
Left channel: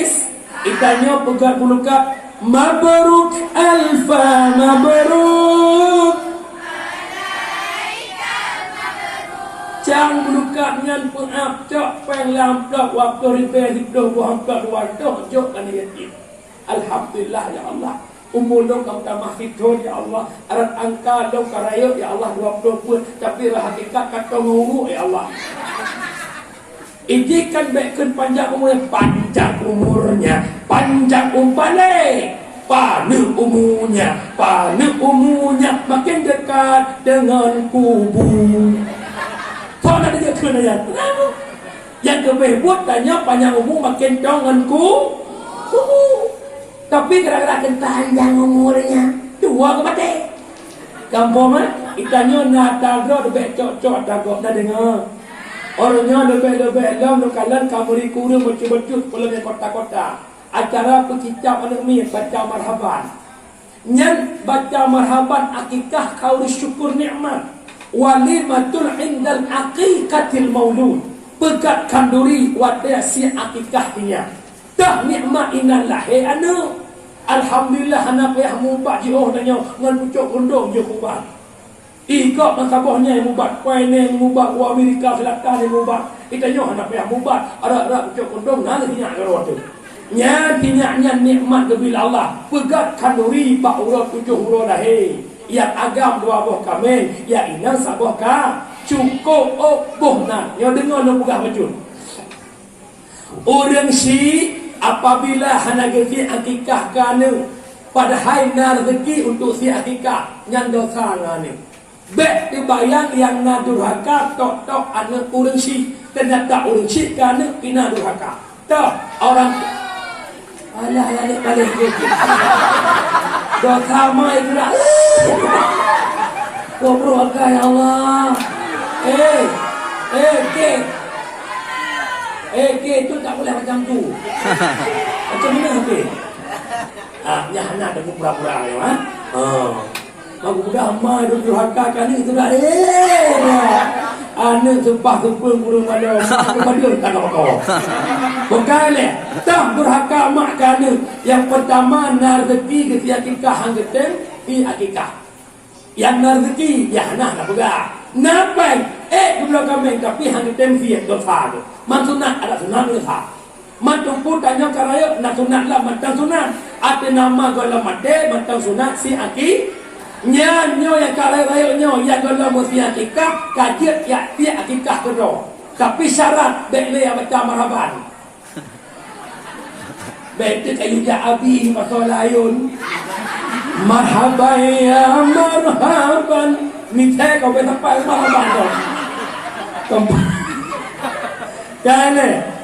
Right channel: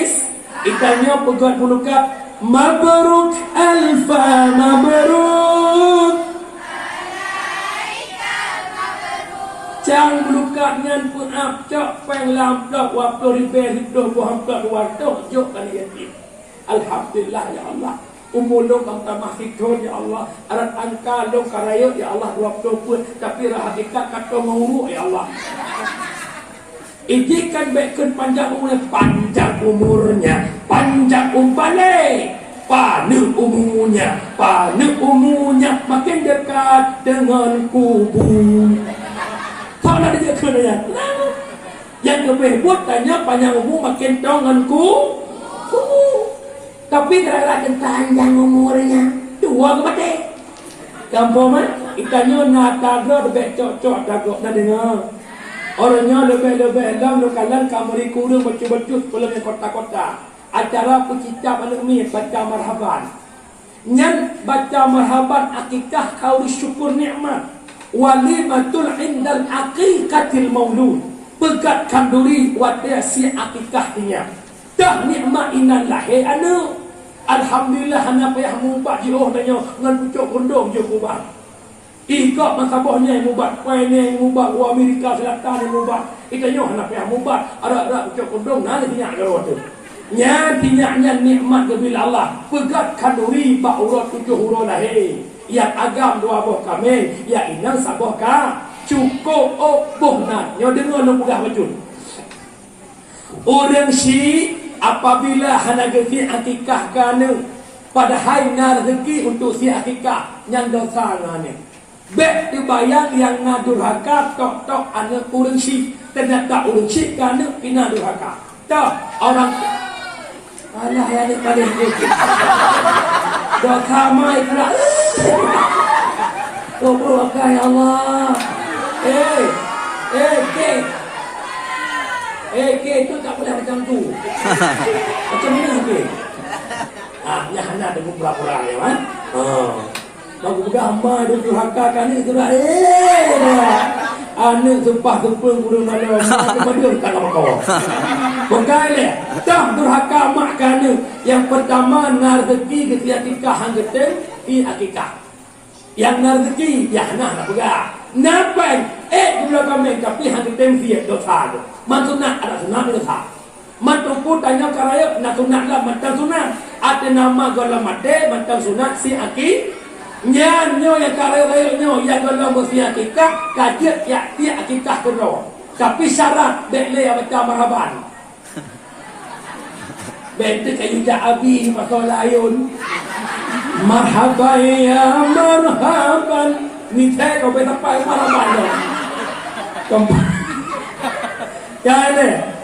Itanya pegat pulukat mabruk alfa mabruk. Cang pulukat nyan pun cok penglam dok waktu repair hidup buang dok waktu jok kan yakin. Alhamdulillah ya Allah. Umur lo kau tambah fitur ya Allah. Arat angka lo karayo ya Allah 20 pun tapi hakikat kata umur ya Allah. Ijikan baikkan panjang umurnya, panjang umpale, panjang umurnya, makin dekat dengan kubur. Kau nak dia kena kenapa? Yang kebebut tanya panjang umur makin dengan kubur. Tapi kadang-kadang panjang umurnya, dua kemati. Kampung mana? Itanya nak tago, debek cok-cok tago, dah dengar. Orangnya lebih-lebih dalam lokalan kamuri kuru macam-macam pulang ke kota-kota. Acara pecicap anak mi baca marhaban. Nyan baca marhaban akikah kau syukur nikmat. Walimatul indal aqiqatil maulud. Pegat kanduri wadah si akikahnya. Dah nikmat inal lahir anu. Alhamdulillah anak payah mubah jauh tanya ngan pucuk gondong je mubah. Ikut makabahnya yang mubat, kuainnya yang mubat, wa Amerika Selatan yang mubat. Kita nyoh nak payah mubat, ada ucap kondong, nanti minyak kalau waktu. Nyatinya nikmat kebila Allah. Pegat kanduri pak urut 7 huruf lahir. Yang agam 2 buah kami, yang inang 1 buah ka. Cukup buah nak. Yang dengar nak pegah macam. Orang si apabila hana rezeki akikah kana pada hari na rezeki untuk si akikah yang dosa ngane. Bek dibayar yang nadurhaka tok anak orang si ternyata orang si kerana kena durhaka. Tak orang Alah yang ni kali dah kamai kerak. Tolongkan ya Allah. Ke tu tak boleh macam tu. Macam mana habis? Yang anak ada pura-pura ya kan? Aku bukan amal tu hakakan ni tu dah. Anak sumpah kupung burung ada. Aku tak nak kau. Bukan le. Tak durhaka mak kana. Yang pertama rezeki ketika akikah hang getem di akikah. Yang rezeki ya nak bukan. Nampai dulu kami tapi hang getem fi dosa tu. Maksudnya ada sunat dosa. Mantumpu tanya karaya nak sunat lah mata sunat. Ada nama gala mate mata sunat si aki. Nyo yang karaya nyo yang gala mesti akikah kajian ya dia akikah kedua. Tapi syarat dek le baca marhaban. Betul kayu abi masalah ayun. Marhaban ya marhaban. Minta kau bertempat marhaban. Kan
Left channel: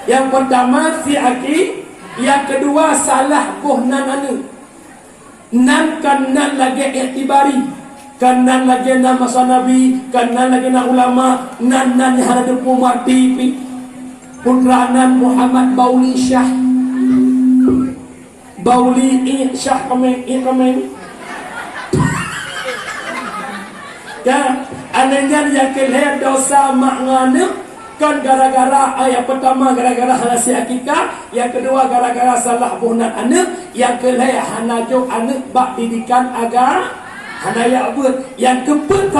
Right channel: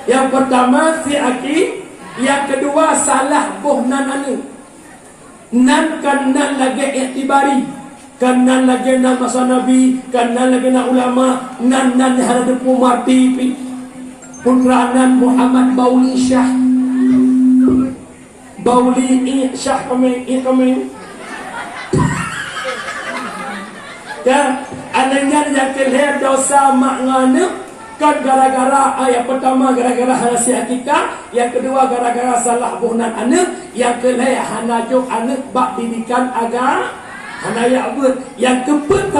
yang pertama si aki, yang kedua salah bohnan anu. Nan kanan lagi iktibari, kanan lagi nama masa Nabi, kanan lagi nama ulama, nan ada pumati putranan Muhammad Bauli Syah. Bauli Syah kami. Kan anaknya yang kelihatan dosa maknanya kan gara-gara yang pertama gara-gara halasi akikah, yang kedua gara-gara salah bohnan anak, yang kelih hanajuk anak bak didikan agar hanaya buat, yang keempat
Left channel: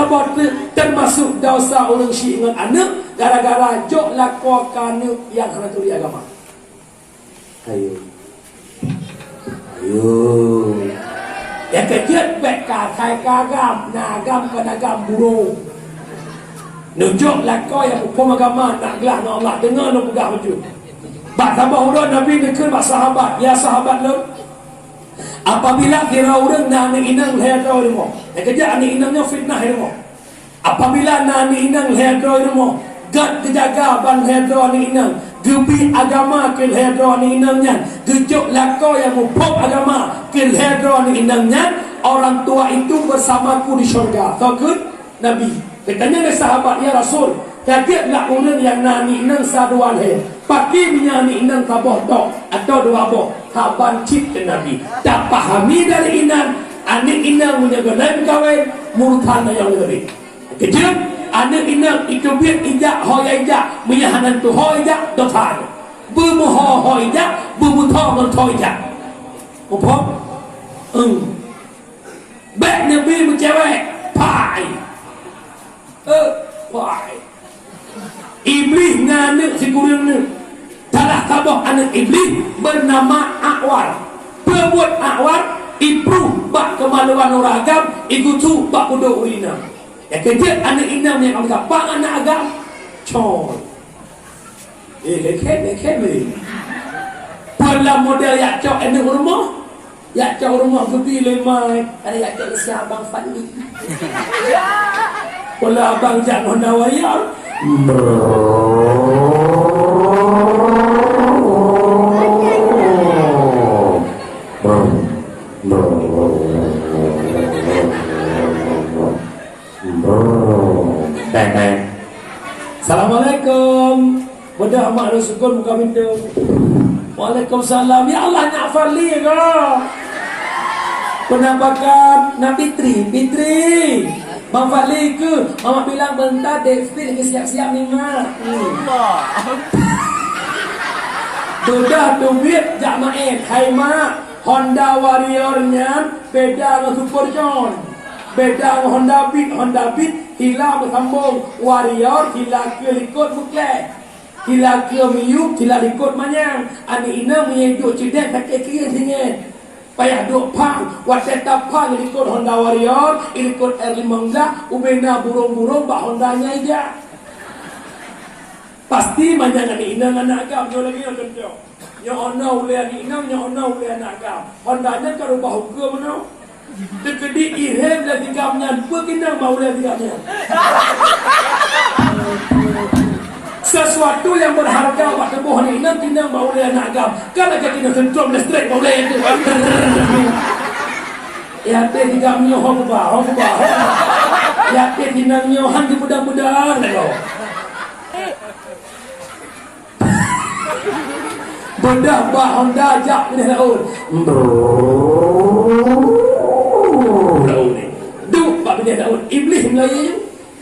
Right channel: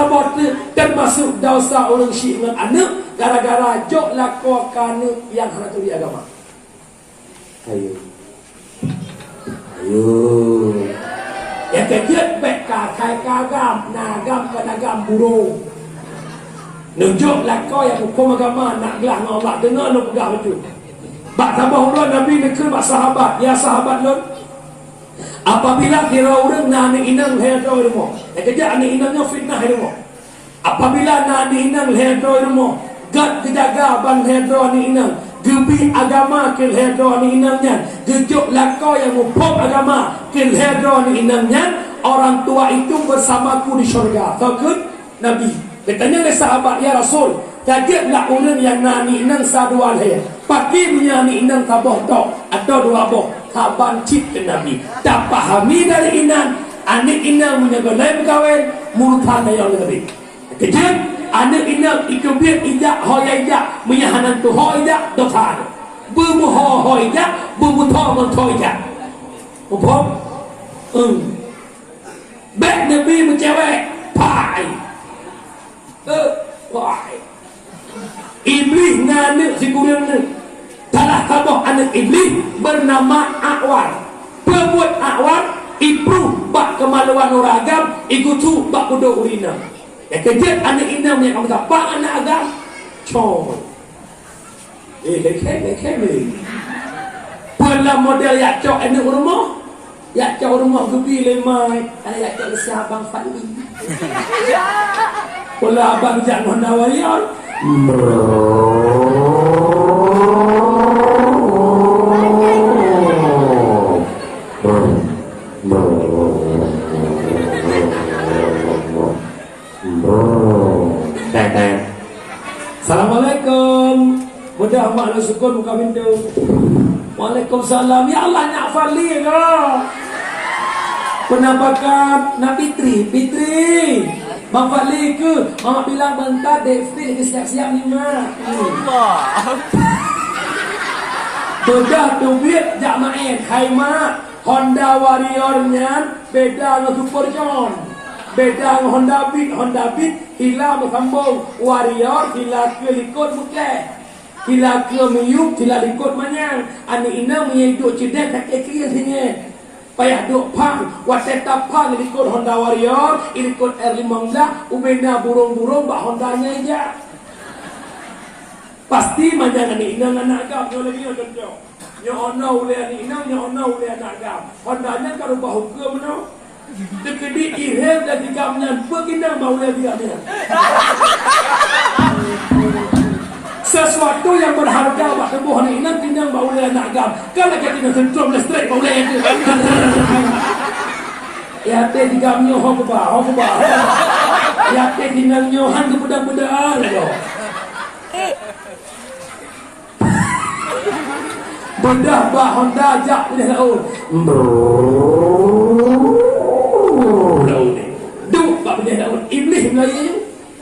termasuk dosa orang syiik dengan anak gara-gara jok lakukan yang hanajuk di agama. Ayo yang ketiga bekal kai kagam nagam kadagam burung. Nunjuklah kau yang hukum agama nak gelah dengan Allah dengar nak pegang baju. Bak tambah urut Nabi dekir bak sahabat. Ya sahabat lun. Apabila kira urut nak ni inang hedro ilmu. Kerja ni inangnya fitnah ilmu. Apabila nak ni inang hedro ilmu. Gad kejaga ban hedro ni inang. Gebi agama kil hedro ni inangnya. Gejuklah kau yang hukum agama kil hedro ni inangnya. Orang tua itu bersamaku di syurga. Tahu ke? Nabi. Bertanya ke sahabat, ya Rasul, kagetlah orang yang nani nang sadua leh. Paki menyani nang taboh tok atau dua boh. Kaban cip ke Nabi. Tak pahami dari inan, anak inang menjaga lain kawin, murtana yang lebih. Kejap, anak inang ikubir ijak, hoya ijak, menyahanan tu hoya ijak, dosa. Bermuha hoya ijak, bermuta mentoi ijak. Upom? Bek Nabi mencewek, pai. Iblis anak si kurang ni telah tabah anak iblis bernama Akwar. Perbuat Akwar ibu bak kemaluan orang agam ikutu bak budak urina. Yang kejap anak inam yang kamu tak bak anak agam coy. Lekeh ni pola model yak cok anak rumah, yak cok rumah gebi lemai, yak cok si abang Fandi. Pola abang jak Honda Wayar. Assalamualaikum. Mudah amat syukur muka pintu. Waalaikumsalam. Ya Allah nak fali ke? Penampakan Nabi Fitri. Bang Fadli ke? Mama bilang bentar David lagi siap-siap ni mak. Sudah duit jak main. Hai mak, Honda Warrior-nya beda dengan Super John. Beda dengan Honda Beat hilang bersambung. Warrior hilang ke likut mutlak. Hilang ke miyuk, hilang likut manyang. Anak ina menyeduk cedek kat kiri sini. Payah duk pang, wateta pang ikut Honda Warrior, ikut R15, ubena burung-burung bak Hondanya aja. Pasti mana ni ina anak agam jo lagi nak contoh. Nya ona ule ni ina, nya ona ule anak agam. Hondanya kalau bau ke mana? Dekedi irem dan tigamnya, begina mau le dia. sesuatu yang berharga buat tubuh ni nanti nang bau dia nak agam. Kalau kita sentrum dan straight bau dia tu. Ya teh tiga mio hongba. Ya teh tiga mio hang budang-budang lo. Bedah bahang dajak ni laut. Laut ni. Duk bak bedah laut. Iblis Melayu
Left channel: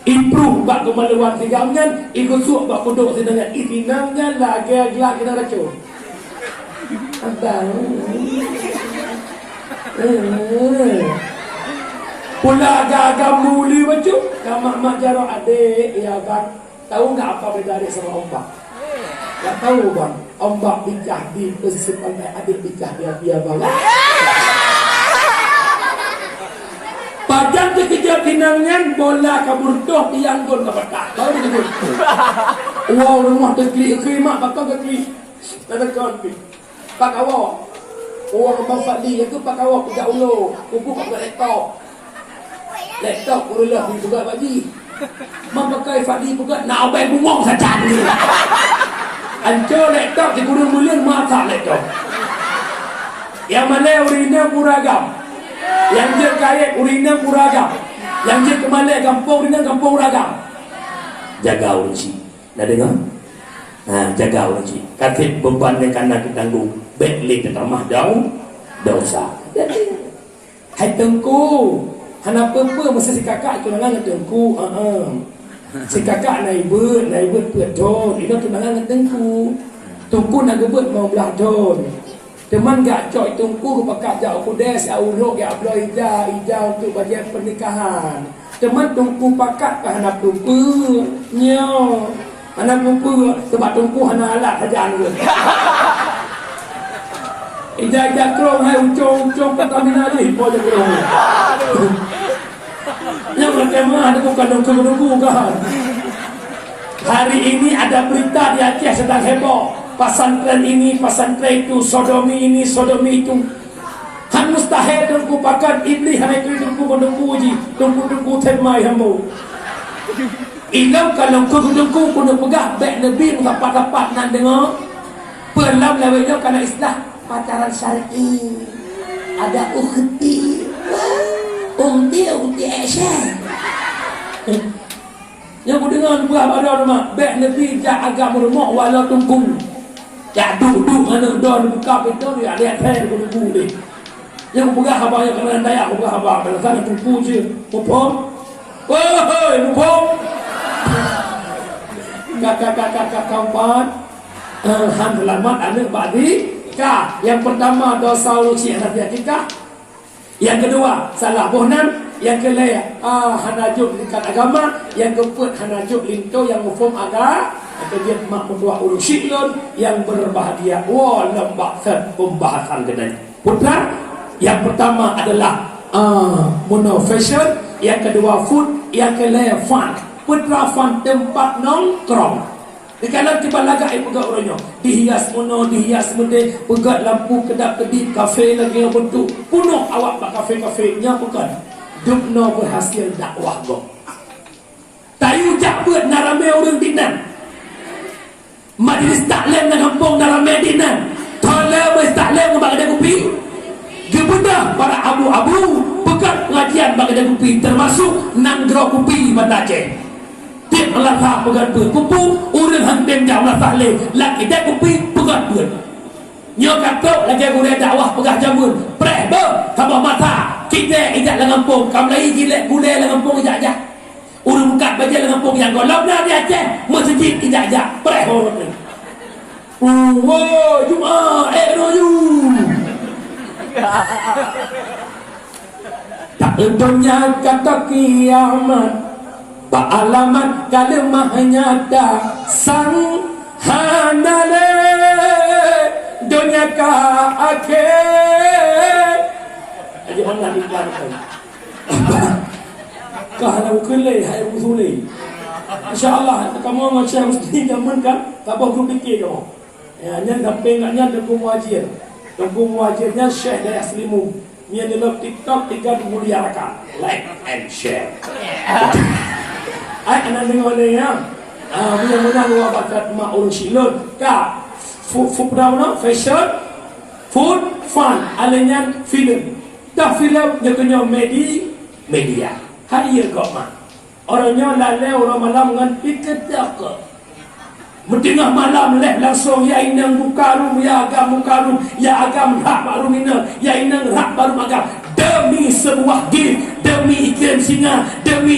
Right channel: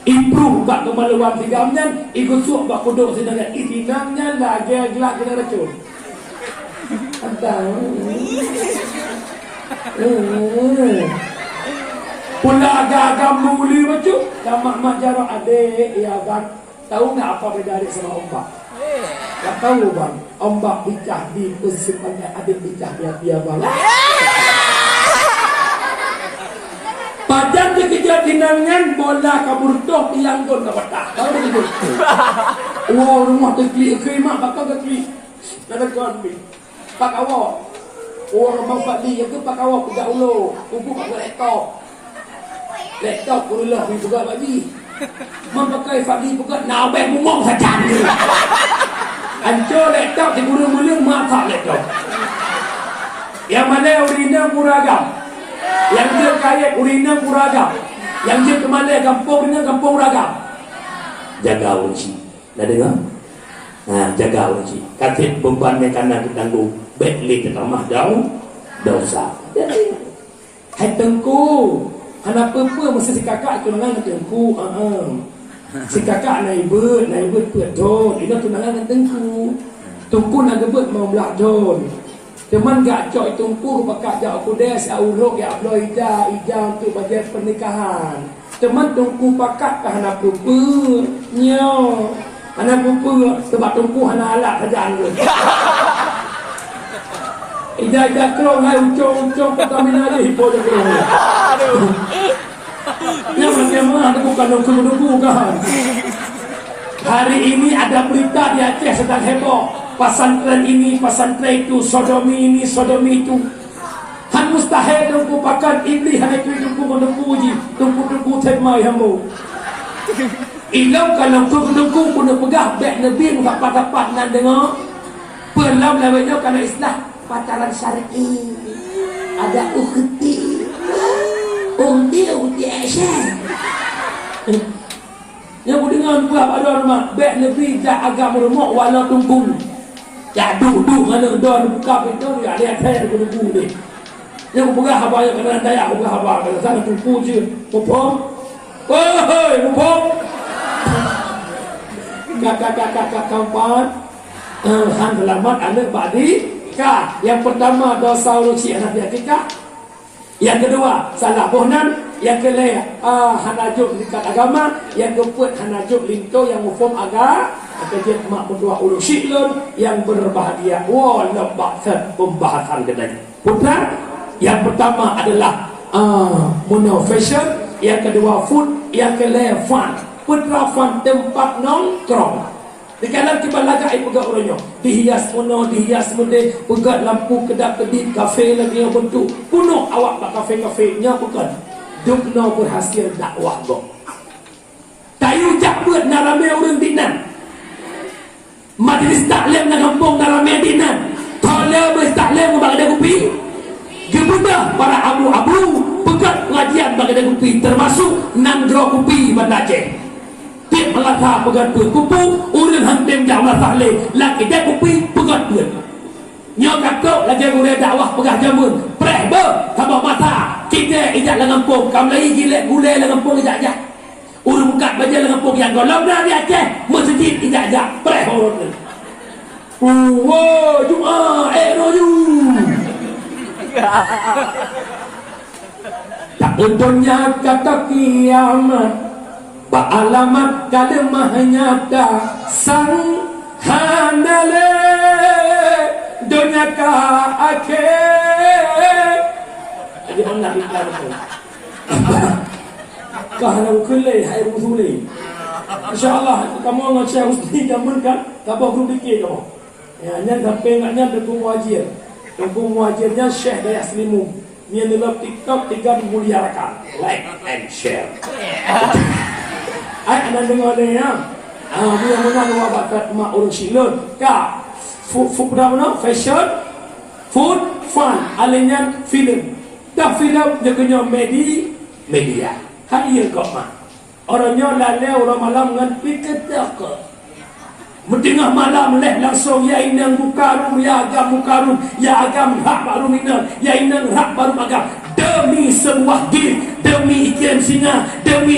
improve bak kemaluan tigamnya ikut suap bak kodok sedangkan itinamnya lagi gelak kena racun. Abang. Pula agak-agak muli macam mak jarang adik ya bang. Tahu tak apa beda adik sama ombak? Tak tahu bang. Ombak pecah di posisi ombak, adik pecah dia bang. Padahal terkejut dinangan bola kabur toh dianggun ke patah. Tahu begitu? Wow, rumah terklik mak bakal terklik. Tak ada kawan pi. Pak awak. Oh, mau Fadli itu pak awak pejak ulu. Kuku kat laptop. Laptop ulah juga bagi. Memakai Fadli juga nak beg bumong saja ni. Ancor laptop di gurung-gurung mata laptop. Yang mana urina beragam. Yang dia kaya urina beragam. Yang dia kemana kampung urina kampung beragam. Jaga uji. Dah dengar? Jaga uji. Katip beban ni kanan ditanggung. Betli termah daun dosa. Hai tengku. Kenapa mesti si kakak tunangan dengan tengku? Si kakak naik ber peton. Ini tunangan dengan tengku. Tengku nak gebet mau belah don. Teman gak coy tengku pakai jauh kudes aulok ya ablo ija untuk bajet pernikahan. Teman tengku pakai kahana pupu nyo. Hana pupu sebab tengku hana alat saja anggun. Ija krong hai ucong Pertamina ni boleh krong. Yang bagaimana bukan nunggu kan. Hari ini ada berita di Aceh sedang heboh. Pesantren ini, pesantren itu, sodomi ini, sodomi itu. Kan mustahil dengku pakan iblis hai itu dengku uji, dengku temai hambu. Inau kalau dengku pun pegah beg nabi dapat nak dengar. Pelam lewatnya kana islah pacaran syar'i. Ada ukhti. Umti Aisyah. Yang aku dengar buat ada rumah beg nabi jak agak meremuk walau tunggu. Ya duduk ada don buka pintu dia ada teh tunggu ni. Yang buka haba yang kena daya buka haba kalau sana tunggu je. Popom. Woi, popom. Kakak kawan. Han selamat anak badi. Yang pertama dosa uci anak dia kita. Yang kedua salah bohnan. Yang kelima hanajuk dekat agama. Yang keempat hanajuk linto yang mufum agama. Atau dia mak berdua ulu syiklun yang berbahagia. Wah lembakan pembahasan kedai. Putra yang pertama adalah mono fashion. Yang kedua food. Yang kelima fun. Putra fun tempat nongkrong. Dikalah tiba laga ai pegak orangnya. Dihias mono, dihias mende, pegak lampu kedap-kedip, kafe lagi yang bentuk. Punuh awak pak kafe-kafenya bukan. Dukno berhasil dakwah go. Tayu jak buat narame orang dinan. Majlis taklim nak kampung narame dinan. Tala majlis taklim bagi dia kopi. Gebuda para abu-abu pegat pengajian bagi dia kopi termasuk 6 dro kopi pada Aceh. Dia melata pegat buat kupu, urang hantem jauh latah le. Lak kita kopi pegat buat. Nyo katok lagi mulai dakwah pegah jamun. Preh be, tambah mata. Kita ijak lang kampung, kamlai gilek gulai lang kampung ijak-ijak. Urang buka baca lang kampung yang golong dah di Aceh, masjid ijak-ijak. Preh orang ni. Jumaat roju. Tak untungnya kata kiamat. Pak alamat kalimah nyata sang handale dunia ka akhir. Jadi mana iklan tu? Kahana kulai hai usuli. Insya-Allah kamu macam mesti zaman kan? Kamu belum fikir kamu. Ya, nyan tapi ngaknya dukung wajib. Dukung wajibnya Syekh Daya Slimu. Dia dalam TikTok 3 mulia rakan. Like and share. Ai anak dengar ni ya. Bila menang awak bakat mak urus silun. Kak, food fashion, food, fun, alinyan film. Dah film dia kena media. Kaya kau mak. Orangnya lalai orang malam dengan pikir tak ke. Tengah malam leh langsung ya inang bukarum ya agam bukarum ya agam hak baru minal ya inang hak baru agam demi sebuah game demi ikan singa demi